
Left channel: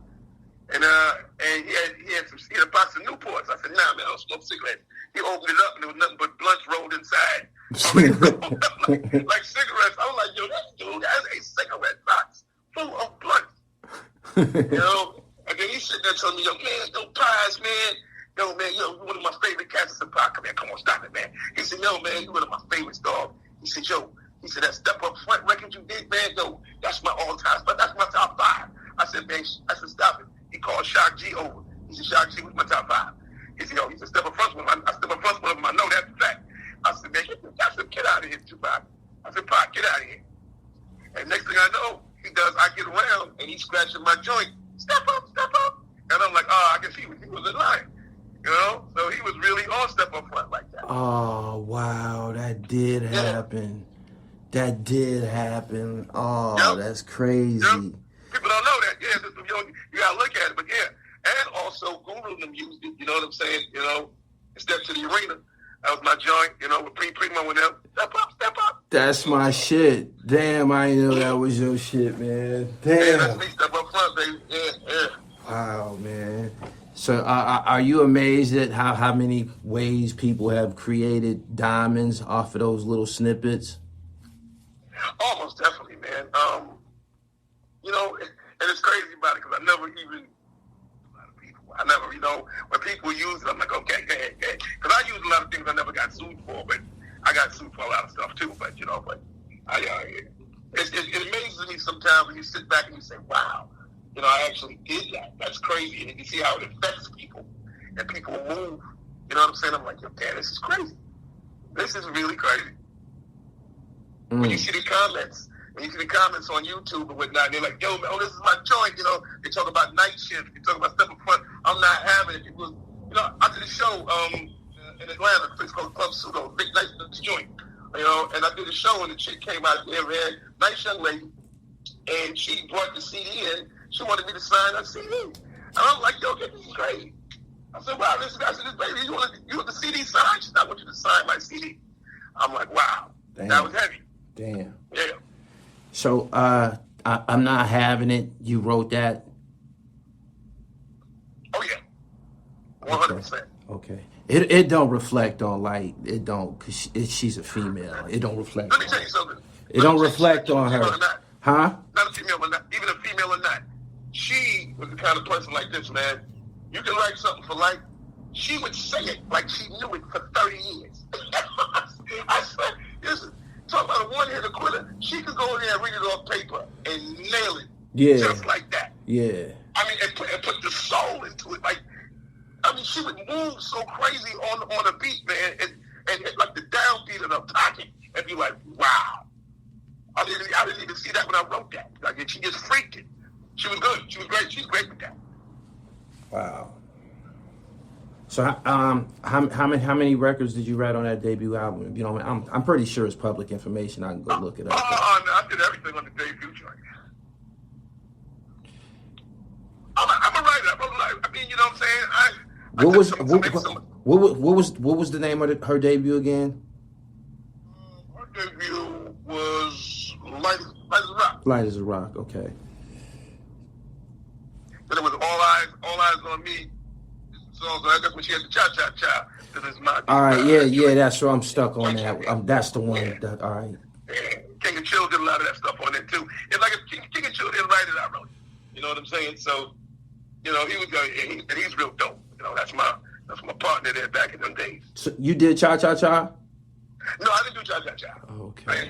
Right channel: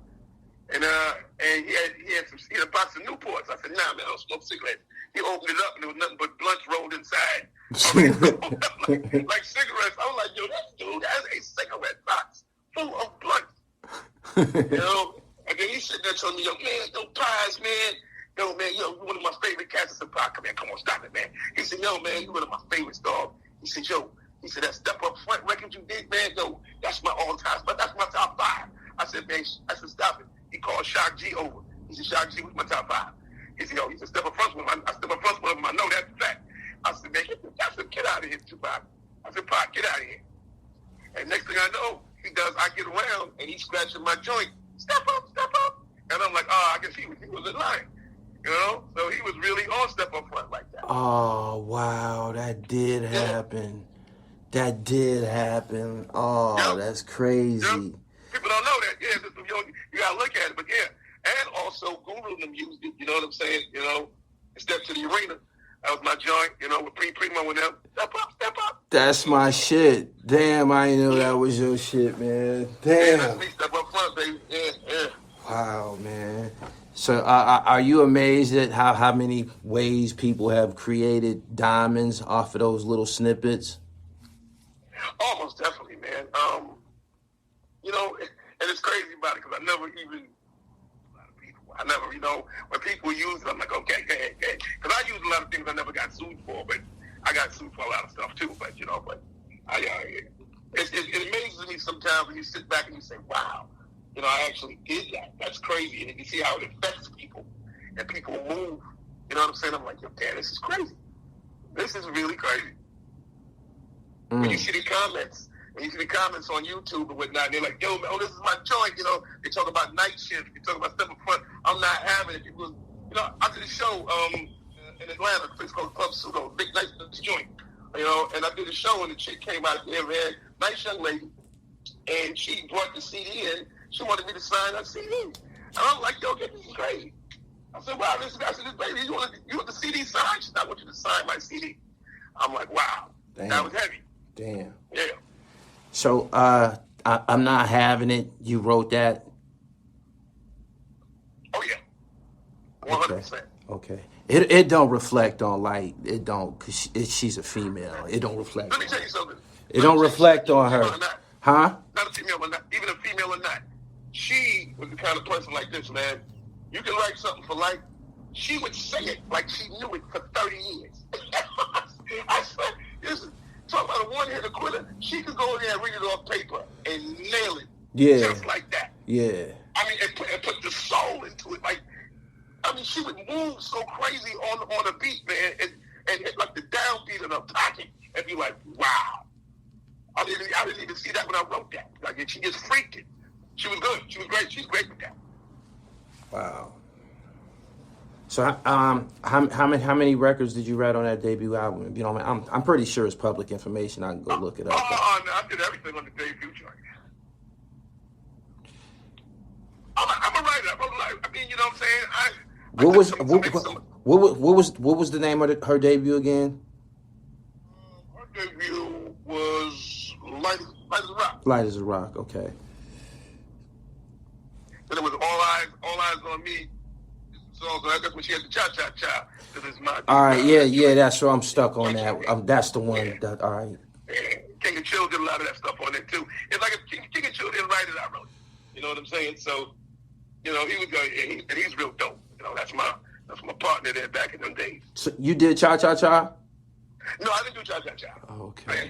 And he had a box of Newports. I said, nah, man, I don't smoke cigarettes. He opened it up and there was nothing but blunts rolled inside. Like cigarettes. I was like, yo, that dude has a cigarette box full of blunts. You know? And then he sitting there telling me, yo, man, no pies, man. Yo, man, you're one of my favorite cats. I said, Pac, come here, come on, stop it, man. He said, yo, man, you're one of my favorites, dog. He said, that Step Up Front record you did, man, yo, that's my all-time, but that's my top 5. I said, man, stop it. He called Shock G over. He said, Shock G was my top 5. He said, yo, he said, Step Up Front one. I Step Up Front one of them. I know that's a fact. I said, man, get out of here, Tupac. I said, Pac, get out of here. And next thing I know, he does, I get around, and he's scratching my joint. Step up. And I'm like, I guess he was in line. You know? So he was really on Step Up Front like that. Oh, wow. That did happen. That did happen. Oh, that's crazy. Yep. People don't know that. Yeah, you gotta look at it. But yeah, and also Gully them used it. You know what I'm saying? You know, Step to the Arena. That was my joint. You know, with Primo and them. Step up. That's my shit. Damn, I didn't know that was your shit, man. Damn. Yeah, that's me. Step Up Front, baby. Yeah. Wow, man. So, are you amazed at how many ways people have created diamonds off of those little snippets? Almost definitely, man. You know, and it's crazy about it because I never, you know, when people use it, I'm like, okay, go ahead. Because I use a lot of things I never got sued for, but I got sued for a lot of stuff too. But, you know, it amazes me sometimes when you sit back and you say, wow, you know, I actually did that. That's crazy. And you see how it affects people and people move. You know what I'm saying? I'm like, yo, damn, this is crazy. This is really crazy. When you see the comments, on YouTube and whatnot, they're like, yo, man, this is my joint, you know. They talk about night shift. They talk about Step Up Front. I'm not having it. People, you know, I did a show in Atlanta, a place called Club Pseudo, big nice joint, you know, and I did a show and the chick came out there, man, nice young lady, and she brought the CD in. She wanted me to sign her CD. And I'm like, yo, this is crazy. I said, wow, listen, I said, baby, you want the CD signed? She said, I want you to sign my CD. I'm like, wow, that was heavy. Damn. Yeah. So I I'm not having it. You wrote that. Oh yeah, 100%. Okay. It don't reflect on Lyte. It don't, cause she's a female. It don't reflect. Let me tell you something. It don't reflect on her. Huh? Not a female or not, even a female or not. She was the kind of person like this, man. You can write something for Lyte. She would say it like she knew it for 30 years. I said, listen, talk about a one-hitter quitter. She could go in there and read it off paper and nail it. Yeah. Just like that. Yeah. I mean, and put the soul into it. Like, I mean, she would move so crazy on a beat, man, and hit like the downbeat in her pocket and be like, wow. I didn't even see that when I wrote that. Like, she just freaked it. She was good. She was great. She's great with that. Wow. So, how many records did you write on that debut album? You know, I'm pretty sure it's public information. I can go look it up. I did everything on the debut joint. I'm a writer. I mean, you know what I'm saying? What was the name of her debut again? Her debut was Light as a Rock. Light as a Rock. Okay. Then it was All Eyes on Me. So that's when she had the cha-cha-cha. All right, yeah, that's where I'm stuck on that. That's the one. Yeah. All right. Yeah. King of Chill did a lot of that stuff on there too. It's like if King of Chill didn't write it, I wrote it. You know what I'm saying? So, you know, he was going, and he's real dope. You know, that's my partner there back in them days. So you did cha-cha-cha? No, I didn't do cha-cha-cha. Okay.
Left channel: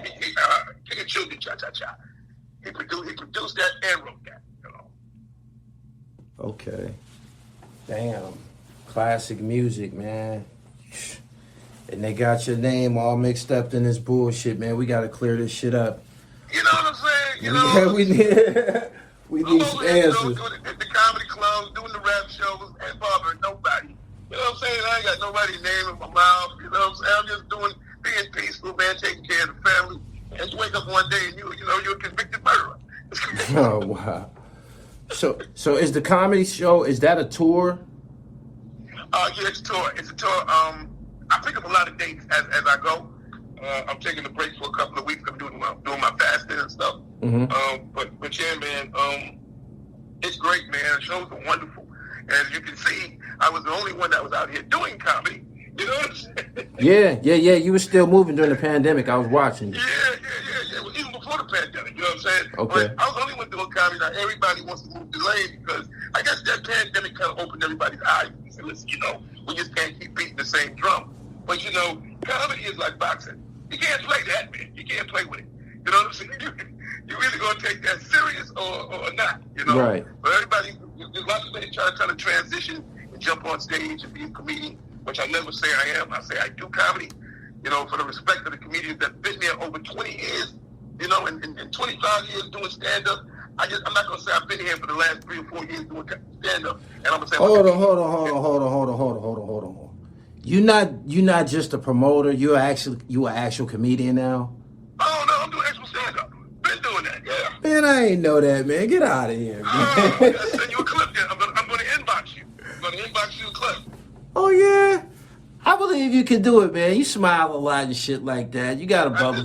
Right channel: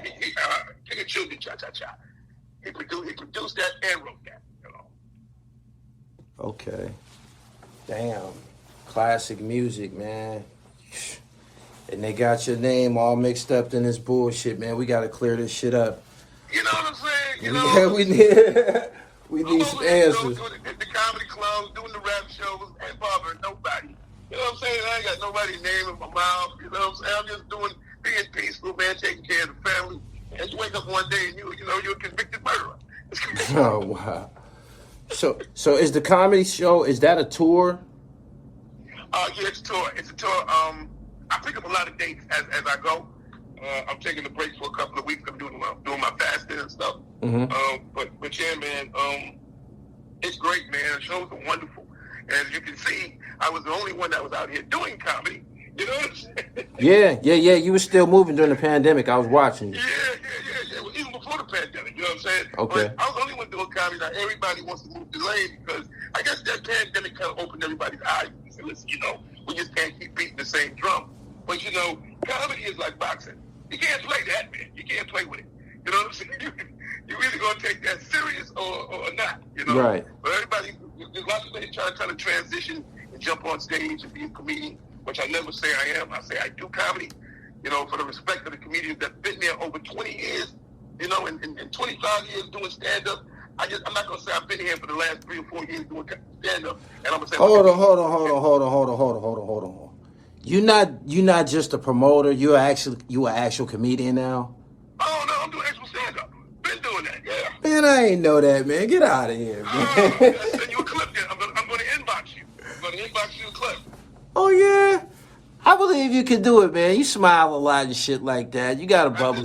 King of Chill did cha-cha-cha. He produced that and wrote that. You know. Okay. Damn. Classic music, man. And they got your name all mixed up in this bullshit, man. We got to clear this shit up. You know what I'm saying? You know, we need some answers. Doing the comedy clubs, doing the rap shows, and bothering nobody. You know what I'm saying? I ain't got nobody's name in my mouth. You know what I'm saying? I'm just being peaceful, man, taking care of the family. And you wake up one day and you're a convicted murderer. Oh wow. So is the comedy show, is that a tour? Yeah, it's a tour. It's a tour. I pick up a lot of dates as I go. I'm taking a break for a couple of weeks. I'm doing my fasting and stuff. Mm-hmm. But yeah, man, it's great, man. The shows are wonderful. And as you can see, I was the only one that was out here doing comedy. You know what I'm saying? Yeah. You were still moving during the pandemic. I was watching you. Yeah. Well, even before the pandemic, you know what I'm saying? Okay. But I was the only one doing comedy. Now everybody wants to move to lane because I guess that pandemic kind of opened everybody's eyes. And listen, you know, we just can't keep beating the same drum. But you know, comedy is like boxing. You can't play that, man. You can't play with it. You know what I'm saying? You're either gonna take that serious or not. You know. Right. But everybody, there's lots of people trying to transition and jump on stage and be a comedian, which I never say I am. I say I do comedy. You know, for the respect of the comedians that've been there over 20 years. You know, and 25 years doing stand-up. I'm not gonna say I've been here for the last 3 or 4 years doing stand-up, and I'm gonna say hold on. You're not just a promoter. You an actual comedian now. Oh no, I'm doing actual stand-up. Been doing that, yeah. Man, I ain't know that, man. Get out of here, man. I'm gonna send you a clip there. I'm gonna inbox you. I'm gonna inbox you a clip. Oh yeah. I believe you can do it, man. You smile a lot and shit like that. You got a bubble. I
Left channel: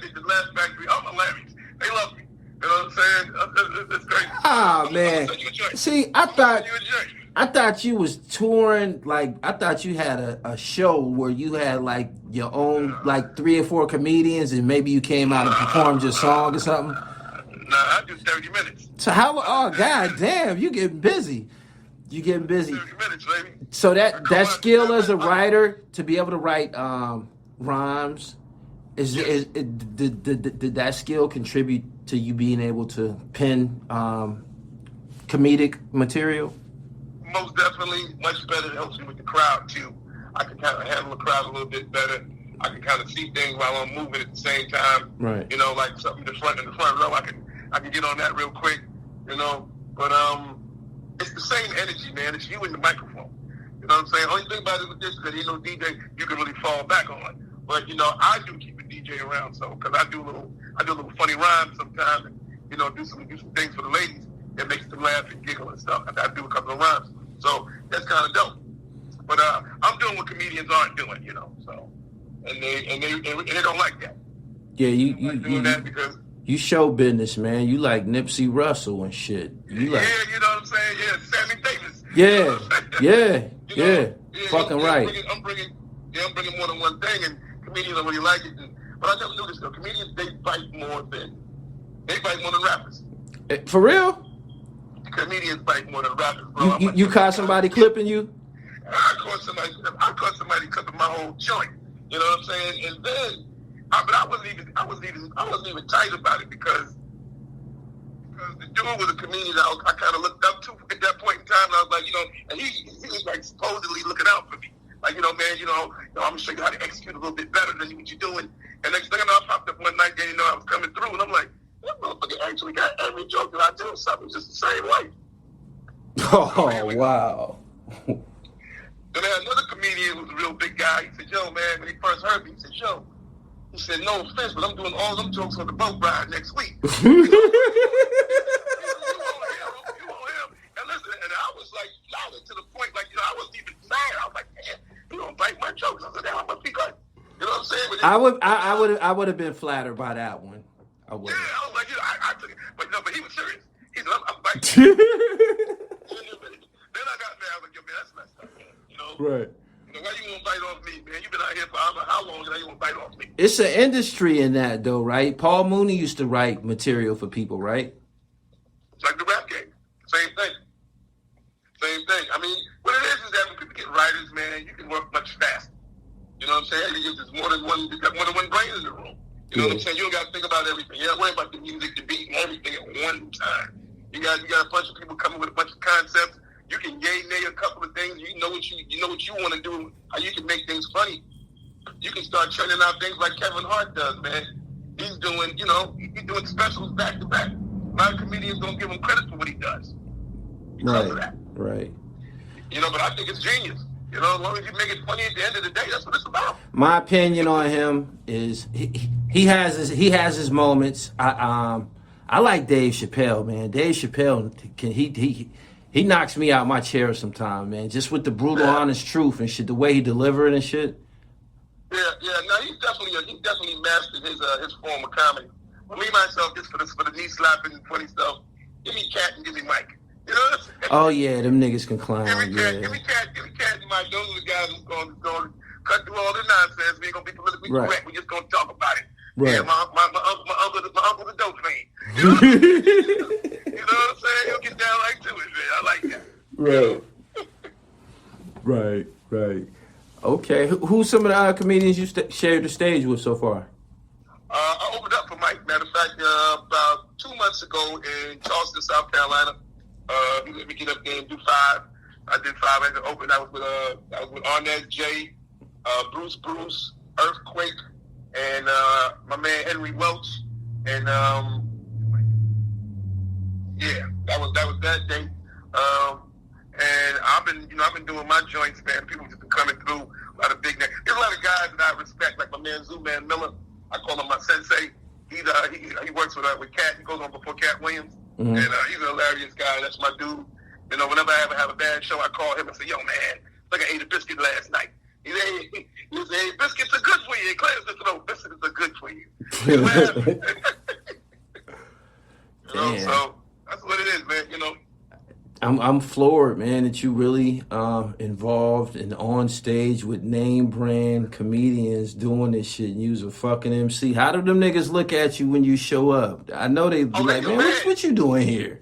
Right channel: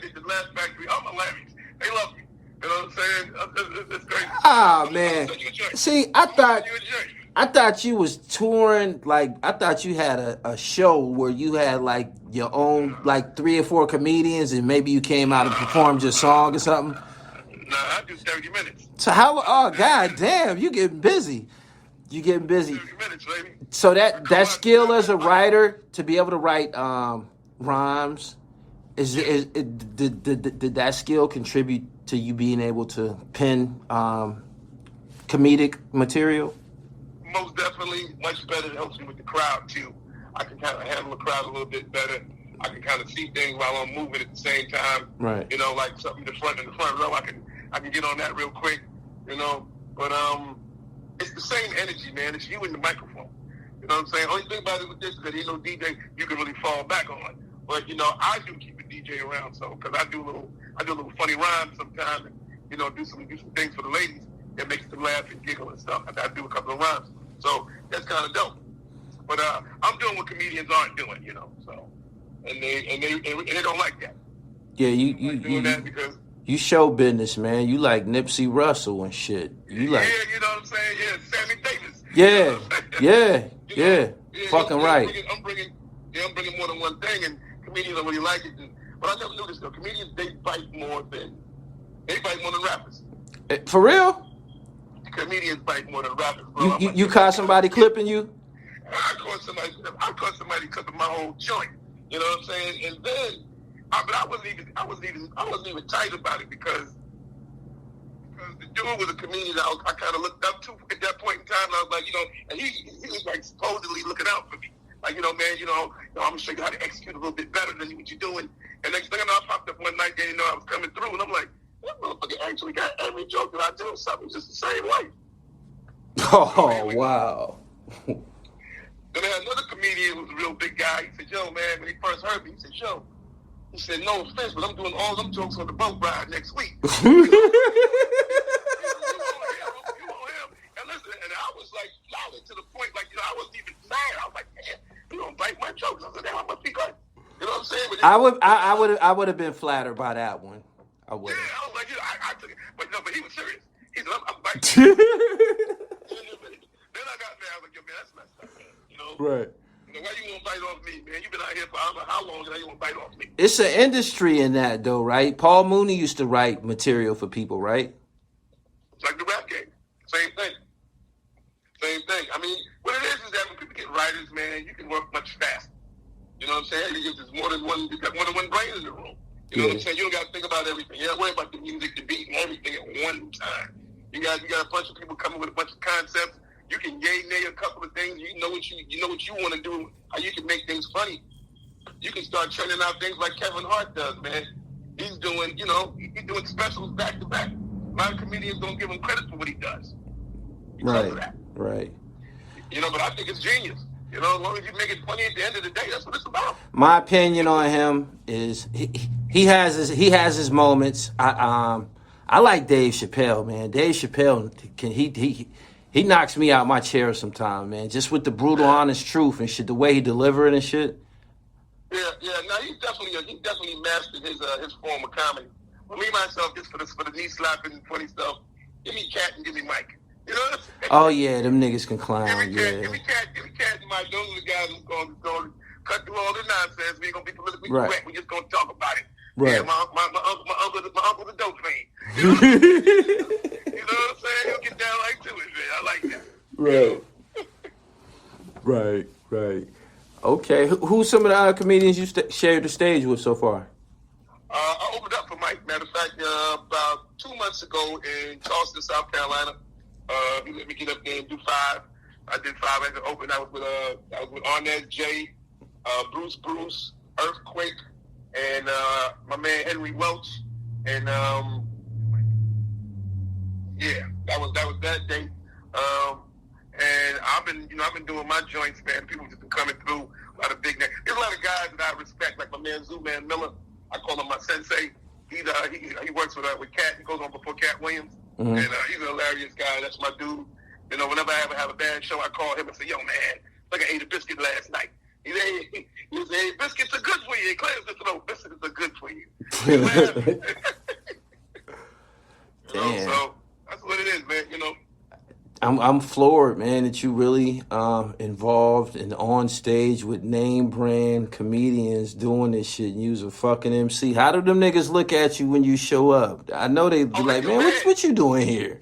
did the last factory. All my Larrys, they love me. You know what I'm saying? It's great. Ah, man. See, I thought you was touring, like, I thought you had a show where you had, like, your own, like, 3 or 4 comedians and maybe you came out and performed your song or something. Nah, I do 30 minutes. So god damn, you getting busy. 30 minutes, baby. So that skill as a writer, to be able to write rhymes, did that skill contribute to you being able to pen comedic material? Most definitely, much better. It helps me with the crowd too. I can kind of handle the crowd a little bit better. I can kind of see things while I'm moving at the same time. Right. You know, like something in the front row. I can get on that real quick. You know, but it's the same energy, man. It's you and the microphone. You know what I'm saying? Only thing about it with this is that ain't no DJ you can really fall back on. But you know, I do keep a DJ around, so because I do a little funny rhymes sometimes, and you know, do some things for the ladies that makes them laugh and giggle and stuff. I do a couple of rhymes, so that's kind of dope. But I'm doing what comedians aren't doing, you know. So and they don't like that. Yeah, you doing that because You show business, man. You like Nipsey Russell and shit. You like, yeah, you know what I'm saying? Yeah, Sammy Davis. yeah, You know what I'm saying? yeah, fucking right. I'm bringing more than one thing, and comedians don't really like it. But I never knew this though. Comedians they bite more than rappers. For real? Comedians bite more than rappers, bro. You caught somebody clipping you? I caught somebody clipping my whole joint. You know what I'm saying? And then, but I wasn't even tight about it because the dude was a comedian that I kind of looked up to at that point in time. And I was like, you know, and he was like supposedly looking out for me. Like, you know, man, I'm gonna show you how to execute a little bit better than what you're doing. And next thing I know, I popped up one night, and I was coming through, and I'm like, that motherfucker actually got every joke that I do something just the same way. Oh, wow. Then I had another comedian who was a real big guy. He said, yo, man, when he first heard me, he said, no offense, but I'm doing all them jokes on the boat ride next week. You want him? And listen, and I was like, solid to the point, like, I wasn't even mad. I was like, man, you don't bite my jokes. I said, damn, I must be good. You know what I'm saying? I would have been flattered by that one. I would. Yeah, I was like, I took it, but he was serious. He said, I'm biting. Then I got mad. I was like, yo, man, that's messed up, man. You know? Right. You know, why you want to bite off me, man? You've been out here for I don't know how long, and now you want to bite off me. It's an industry in that, though, right? Paul Mooney used to write material for people, right? It's like the rap game. Same thing. I mean, what it is that when people get writers, man, you can work much faster. You know what I'm saying? Because there's more than one brain in the room. You know what I'm saying? You don't got to think about everything. You don't worry about the music, the beat, and everything at one time. You got a bunch of people coming with a bunch of concepts. You can nay a couple of things. You know what you want to do. How you can make things funny. You can start churning out things like Kevin Hart does, man. He's doing specials back to back. A lot of comedians don't give him credit for what he does because of that. Right. But I think it's genius. As long as you make it funny at the end of the day, that's what it's about. My opinion on him is he has his moments. I like Dave Chappelle, man. Dave Chappelle he knocks me out my chair sometimes, man. Just with the brutal, honest truth and shit, the way he deliver it and shit. Yeah. No, he definitely mastered his form of comedy. For me myself, just for the knee slapping and funny stuff, give me Cat and give me Mike. You know what I'm saying? Oh yeah, them niggas can clown. Give me Cat and Mike. Those are the guys who's going to cut through all the nonsense. We ain't gonna be politically correct. We're just gonna talk about it. Right. Yeah, my uncle's a dope fiend. You know what I'm saying? He'll get down right to it, man. I like that. Right. Okay, who's some of the other comedians you shared the stage with so far? I opened up for Mike. Matter of fact, about 2 months ago in Charleston, South Carolina, he let me get up there and do 5. I did 5 as an open. I was with Arnett J, Bruce, Earthquake, and my man Henry Welch, and that was that day. And I've been doing my joints, man. People just been coming through. A lot of big names. There's a lot of guys that I respect, like my man Zooman Miller. I call him my sensei. He works with Cat. He goes on before Cat Williams, and he's a hilarious guy. That's my dude. Whenever I ever have a bad show, I call him and say, "Yo, man, like I ate a biscuit last night." He said, "Hey, biscuits are good for you." Claire said, "No, biscuits are good for you." So that's what it is, man. I'm floored, man, that you really involved and on stage with name brand comedians doing this shit. And you's a fucking MC. How do them niggas look at you when you show up? I know they be like, man, what you doing here?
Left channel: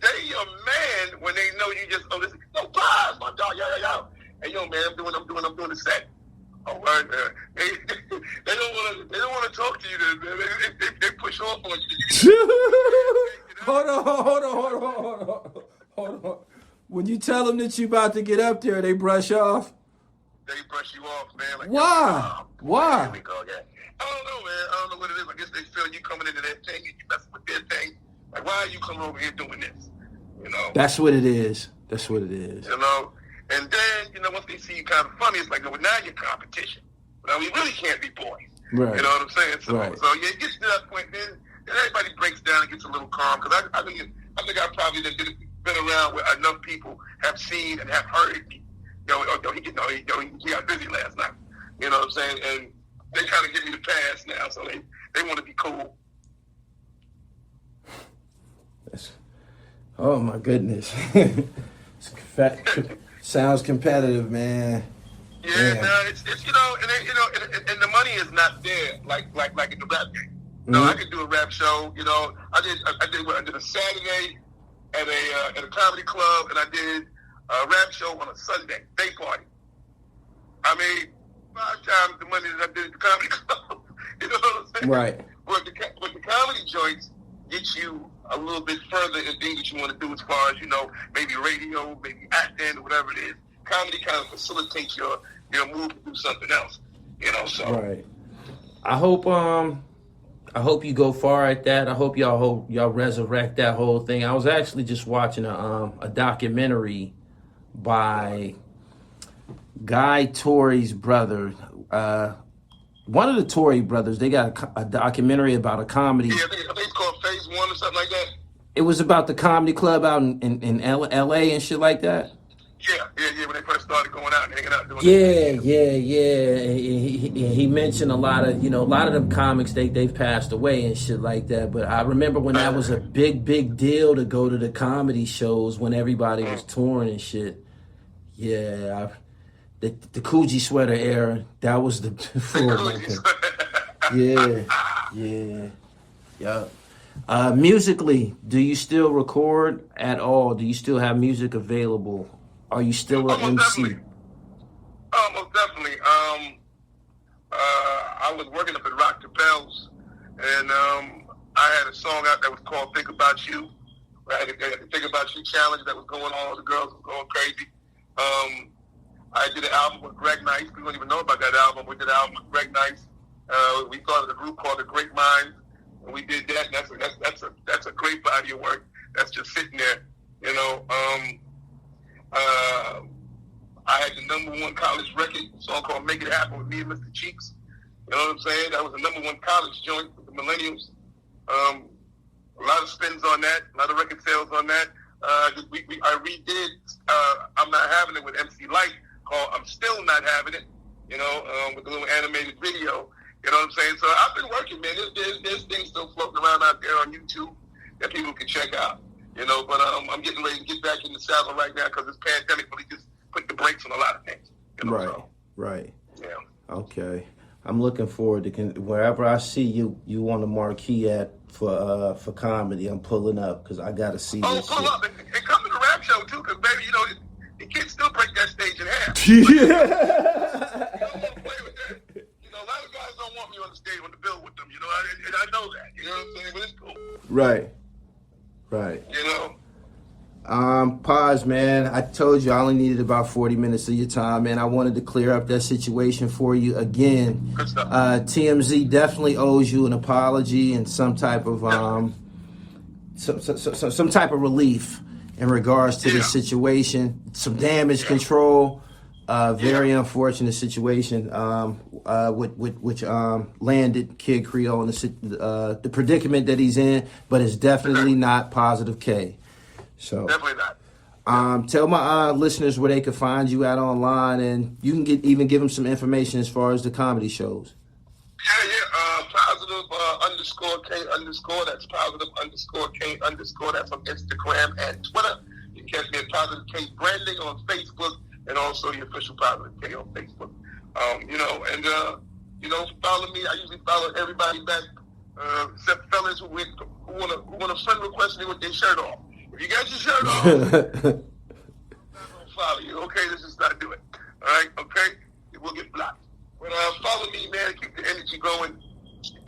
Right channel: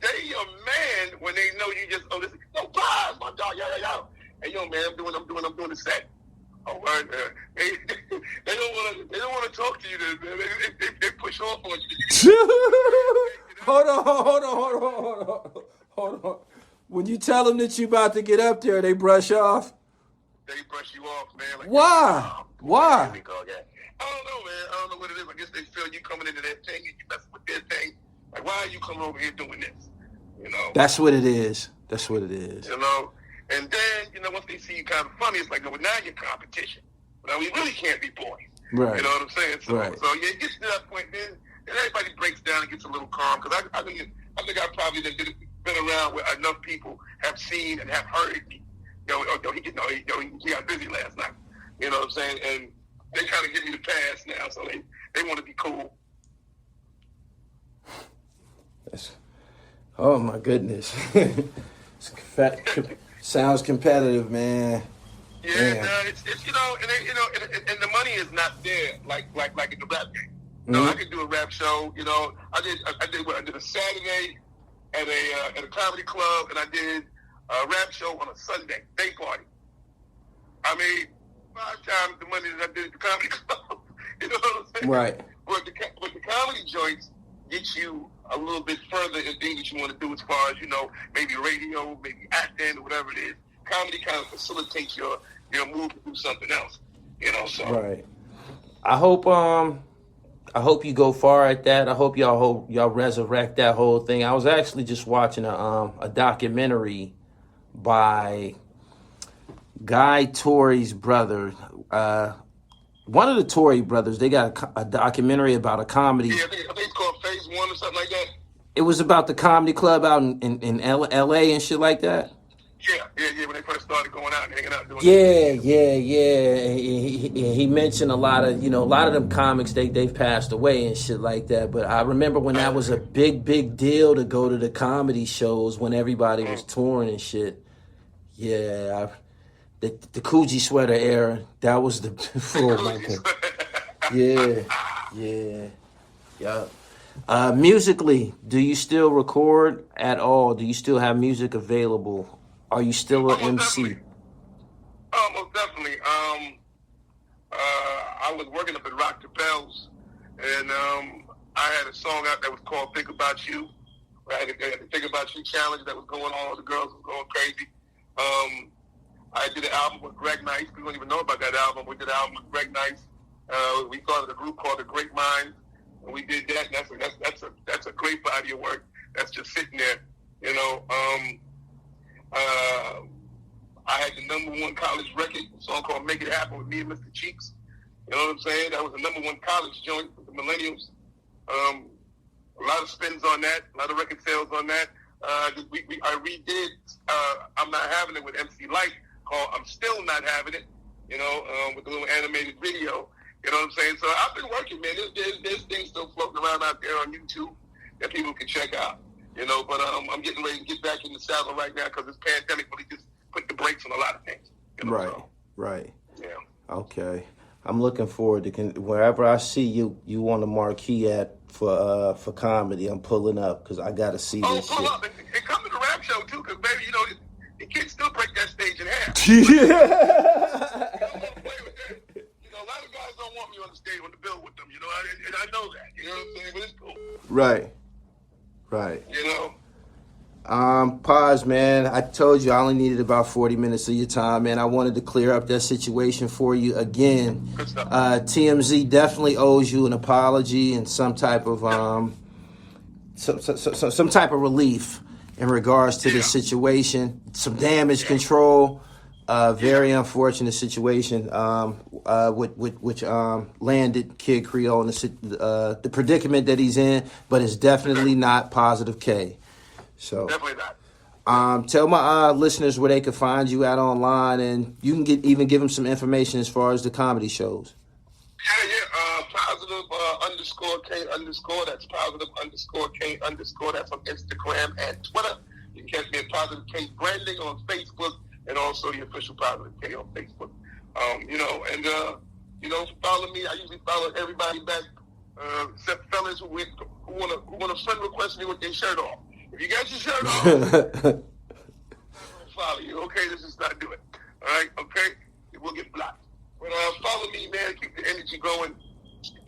They a man when they know you just this. No, pause, my dog, yo. Hey, yo, man, I'm doing the set. All right, man. They don't want to talk to you, man. They push off on you. Hold on. When you tell them that you about to get up there, they brush off. They brush you off, man. Like, why? Why? Here we go again. I don't know, man. I don't know what it is. I guess they feel you coming into their thing and you messing with their thing. Like, why are you coming over here doing this? That's what it is. And then, once they see you kind of funny, it's like, well, now you're competition. Now we really can't be boys. Right. You know what I'm saying? So, right. So it gets to that point, then everybody breaks down and gets a little calm. Because I think I probably been around where enough people have seen and have heard me. He got busy last night. You know what I'm saying? And they kind of give me the pass now, so they want to be cool. Oh my goodness. Sounds competitive, man. Yeah, no, it's and the money is not there like in the rap game. No, I could do a rap show. I did a Saturday at a comedy club, and I did a rap show on a Sunday day party. I made 5 times the money that I did at the comedy club. You know what I'm saying? Right. But the comedy joints get you a little bit further in things that you want to do as far as, maybe radio, maybe acting, or whatever it is. Comedy kind of facilitates your move to do something else. So. Right. I hope you go far at that. I hope y'all resurrect that whole thing. I was actually just watching a documentary by Guy Torry's brother. One of the Torry brothers, they got a documentary about a comedy. Yeah, I think it's called Phase 1 or something like that. It was about the comedy club out in L.A. and shit like that. Yeah, when they first started going out and hanging out doing Yeah. He mentioned a lot of them comics, they've passed away and shit like that. But I remember when that was a big deal to go to the comedy shows when everybody was touring and shit. Yeah, the Coogee sweater era, that was the Yeah. Musically, do you still record at all? Do you still have music available? Are you still an MC? Most definitely. I was working up at Rock the Bells, and I had a song out that was called "Think About You." I had the "Think About You" challenge that was going on. The girls were going crazy. I did an album with Greg Nice. People don't even know about that album. We did an album with Greg Nice. We started a group called The Great Minds, and we did that. And that's a great body of work. That's just sitting there, I had the #1 college record, a song called "Make It Happen" with me and Mr. Cheeks. You know what I'm saying? That was the #1 college joint with the millennials. A lot of spins on that, a lot of record sales on that. I redid "I'm Not Having It" with MC LYTE, called "I'm Still Not Having It," with a little animated video. You know what I'm saying? So I've been working, man. There's things still floating around out there on YouTube that people can check out. But I'm getting ready to get back in the saddle right now because this pandemic really just put the brakes on a lot of things. Right. Yeah. Okay. I'm looking forward to wherever I see you on the marquee for comedy. I'm pulling up because I gotta see this pull shit. up and come to the rap show too, because baby, the kids still break that stage in half. A lot of guys don't want me on the stage on the bill with them. And I know that. You know what I'm saying? But it's cool. Right. Pause, man. I told you I only needed about 40 minutes of your time, man. I wanted to clear up that situation for you again. Good stuff. TMZ definitely owes you an apology and some type of some type of relief in regards to this situation. Some damage control. Very unfortunate situation which landed Kid Creole in the predicament that he's in, but it's definitely not positive K. So definitely not. Tell my listeners where they can find you at online, and you can even give them some information as far as the comedy shows. Yeah. Positive _K_. That's positive _K_. That's on Instagram and Twitter. You can catch me at Positive K Branding on Facebook, and also the official Positive K on Facebook. Follow me. I usually follow everybody back, except fellas who want a friend request me with their shirt off. If you got your shirt off, I'm not going to follow you. Okay, let's just not do it. All right, okay? We'll get blocked. But follow me, man. Keep the energy going.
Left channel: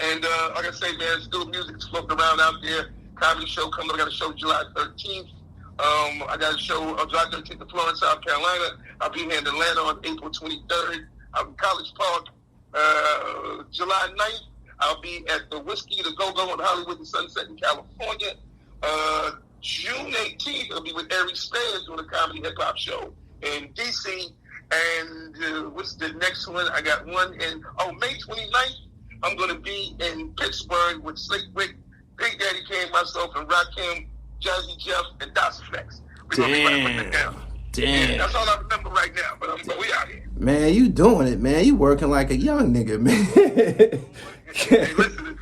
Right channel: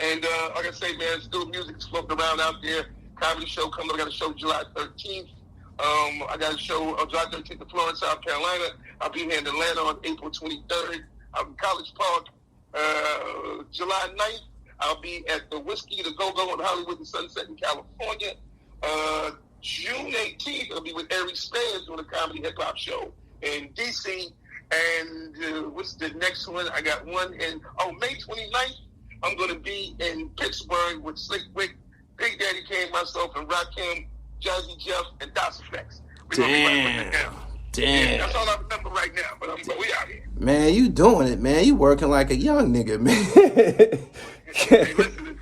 And like I say, man, still music's floating around out there. Comedy show coming up. I got a show July 13th. I got a show on July 13th in Florence, South Carolina. I'll be here in Atlanta on April 23rd. I'm in College Park. July 9th, I'll be at the Whiskey to Go-Go in Hollywood and Sunset in California. June 18th, I'll be with Ari Spears doing a comedy hip-hop show in D.C. And what's the next one? I got one in, May 29th, I'm going to be in Pittsburgh with Slick Rick, Big Daddy Kane, myself, and Rakim, Jazzy Jeff, and Das Effects. We're going to be putting it down. Damn. Yeah, that's all I remember right now, but we out here. Man, you doing it, man. You working like a young nigga, man. Hey, listen,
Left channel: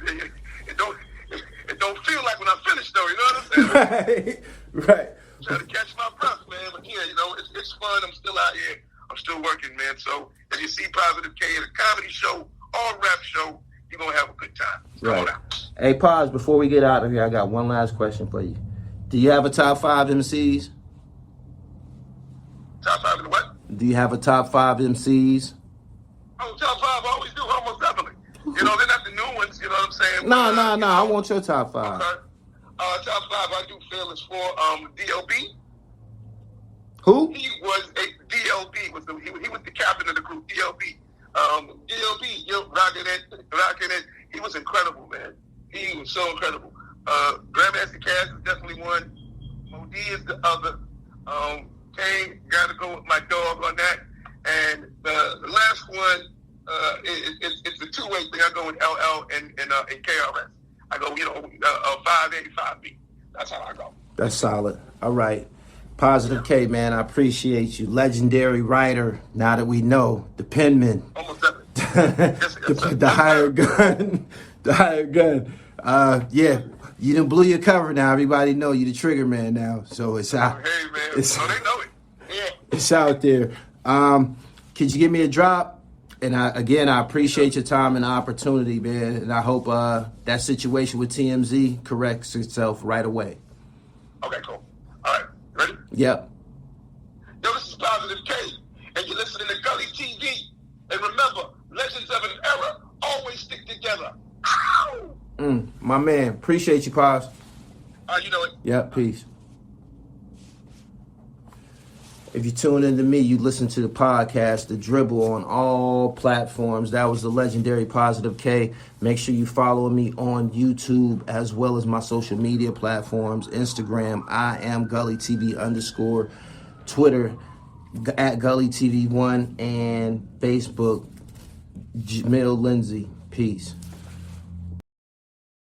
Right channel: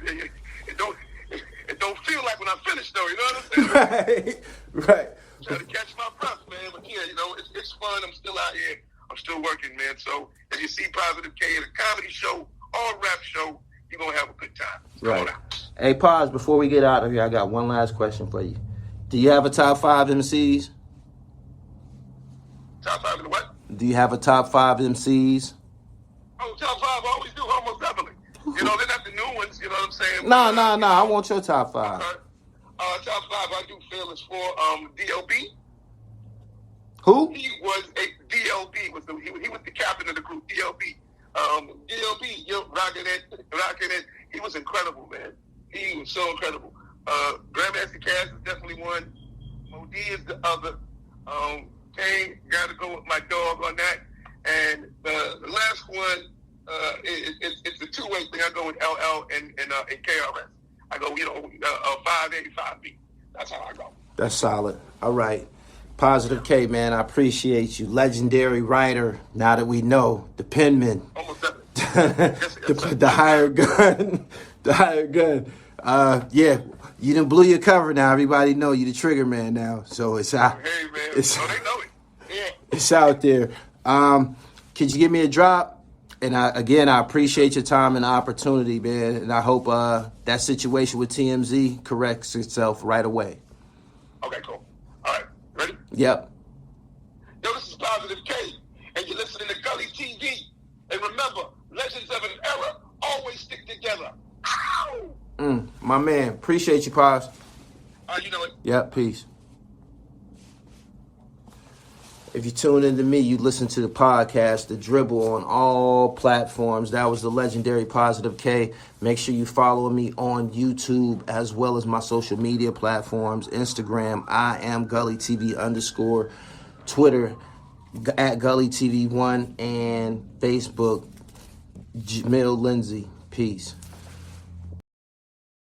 it don't feel like when I finish, though, you know what I'm saying? Right. Trying to catch my breath, man. But yeah, you know, it's fun. I'm still out here. I'm still working, man. So if you see Positive K at a comedy show or rap show, you're going to have a good time. Come on out. Hey, Paz, before we get out of here, I got one last question for you. Do you have a top 5 MCs? Top 5 in the what? Do you have a top 5 MCs? Oh, top 5, I always do, almost definitely. You know, they're not the new ones, you know what I'm saying? No. I want your top 5. Okay. Top 5, I do Fearless for DLB. Who? He was a DLB. He was the captain of the group, DLB. DLB, rocking it. He was incredible, man. He was so incredible. Grandmaster Cass is definitely one. Modi is the other. Kane, got to go with my dog on that. And the last one, it's a two-way thing. I go with LL and KRS. I go, 585B. That's how I go. That's solid. All right. Positive K, man, I appreciate you. Legendary writer, now that we know. The penman. Almost definitely. The hired gun. The hired gun. Yeah, you done blew your cover now. Everybody know you the trigger man now. So it's out. Hey, man. They know it. Yeah. It's out there. Could you give me a drop? And I appreciate your time and opportunity, man. And I hope that situation with TMZ corrects itself right away. Okay, cool. All right. Ready? Yep. Yo, this is Positive K, and you're listening to Gully TV. And remember, legends of an era always stick together. Ow! My man. Appreciate you, Paz. You know it. Yep, peace. If you tune into me, you listen to the podcast, The Dribble, on all platforms. That was the legendary Positive K. Make sure you follow me on YouTube as well as my social media platforms. Instagram, I am Gully TV _. Twitter, at Gully TV1. And Facebook, Jamil Lindsay. Peace.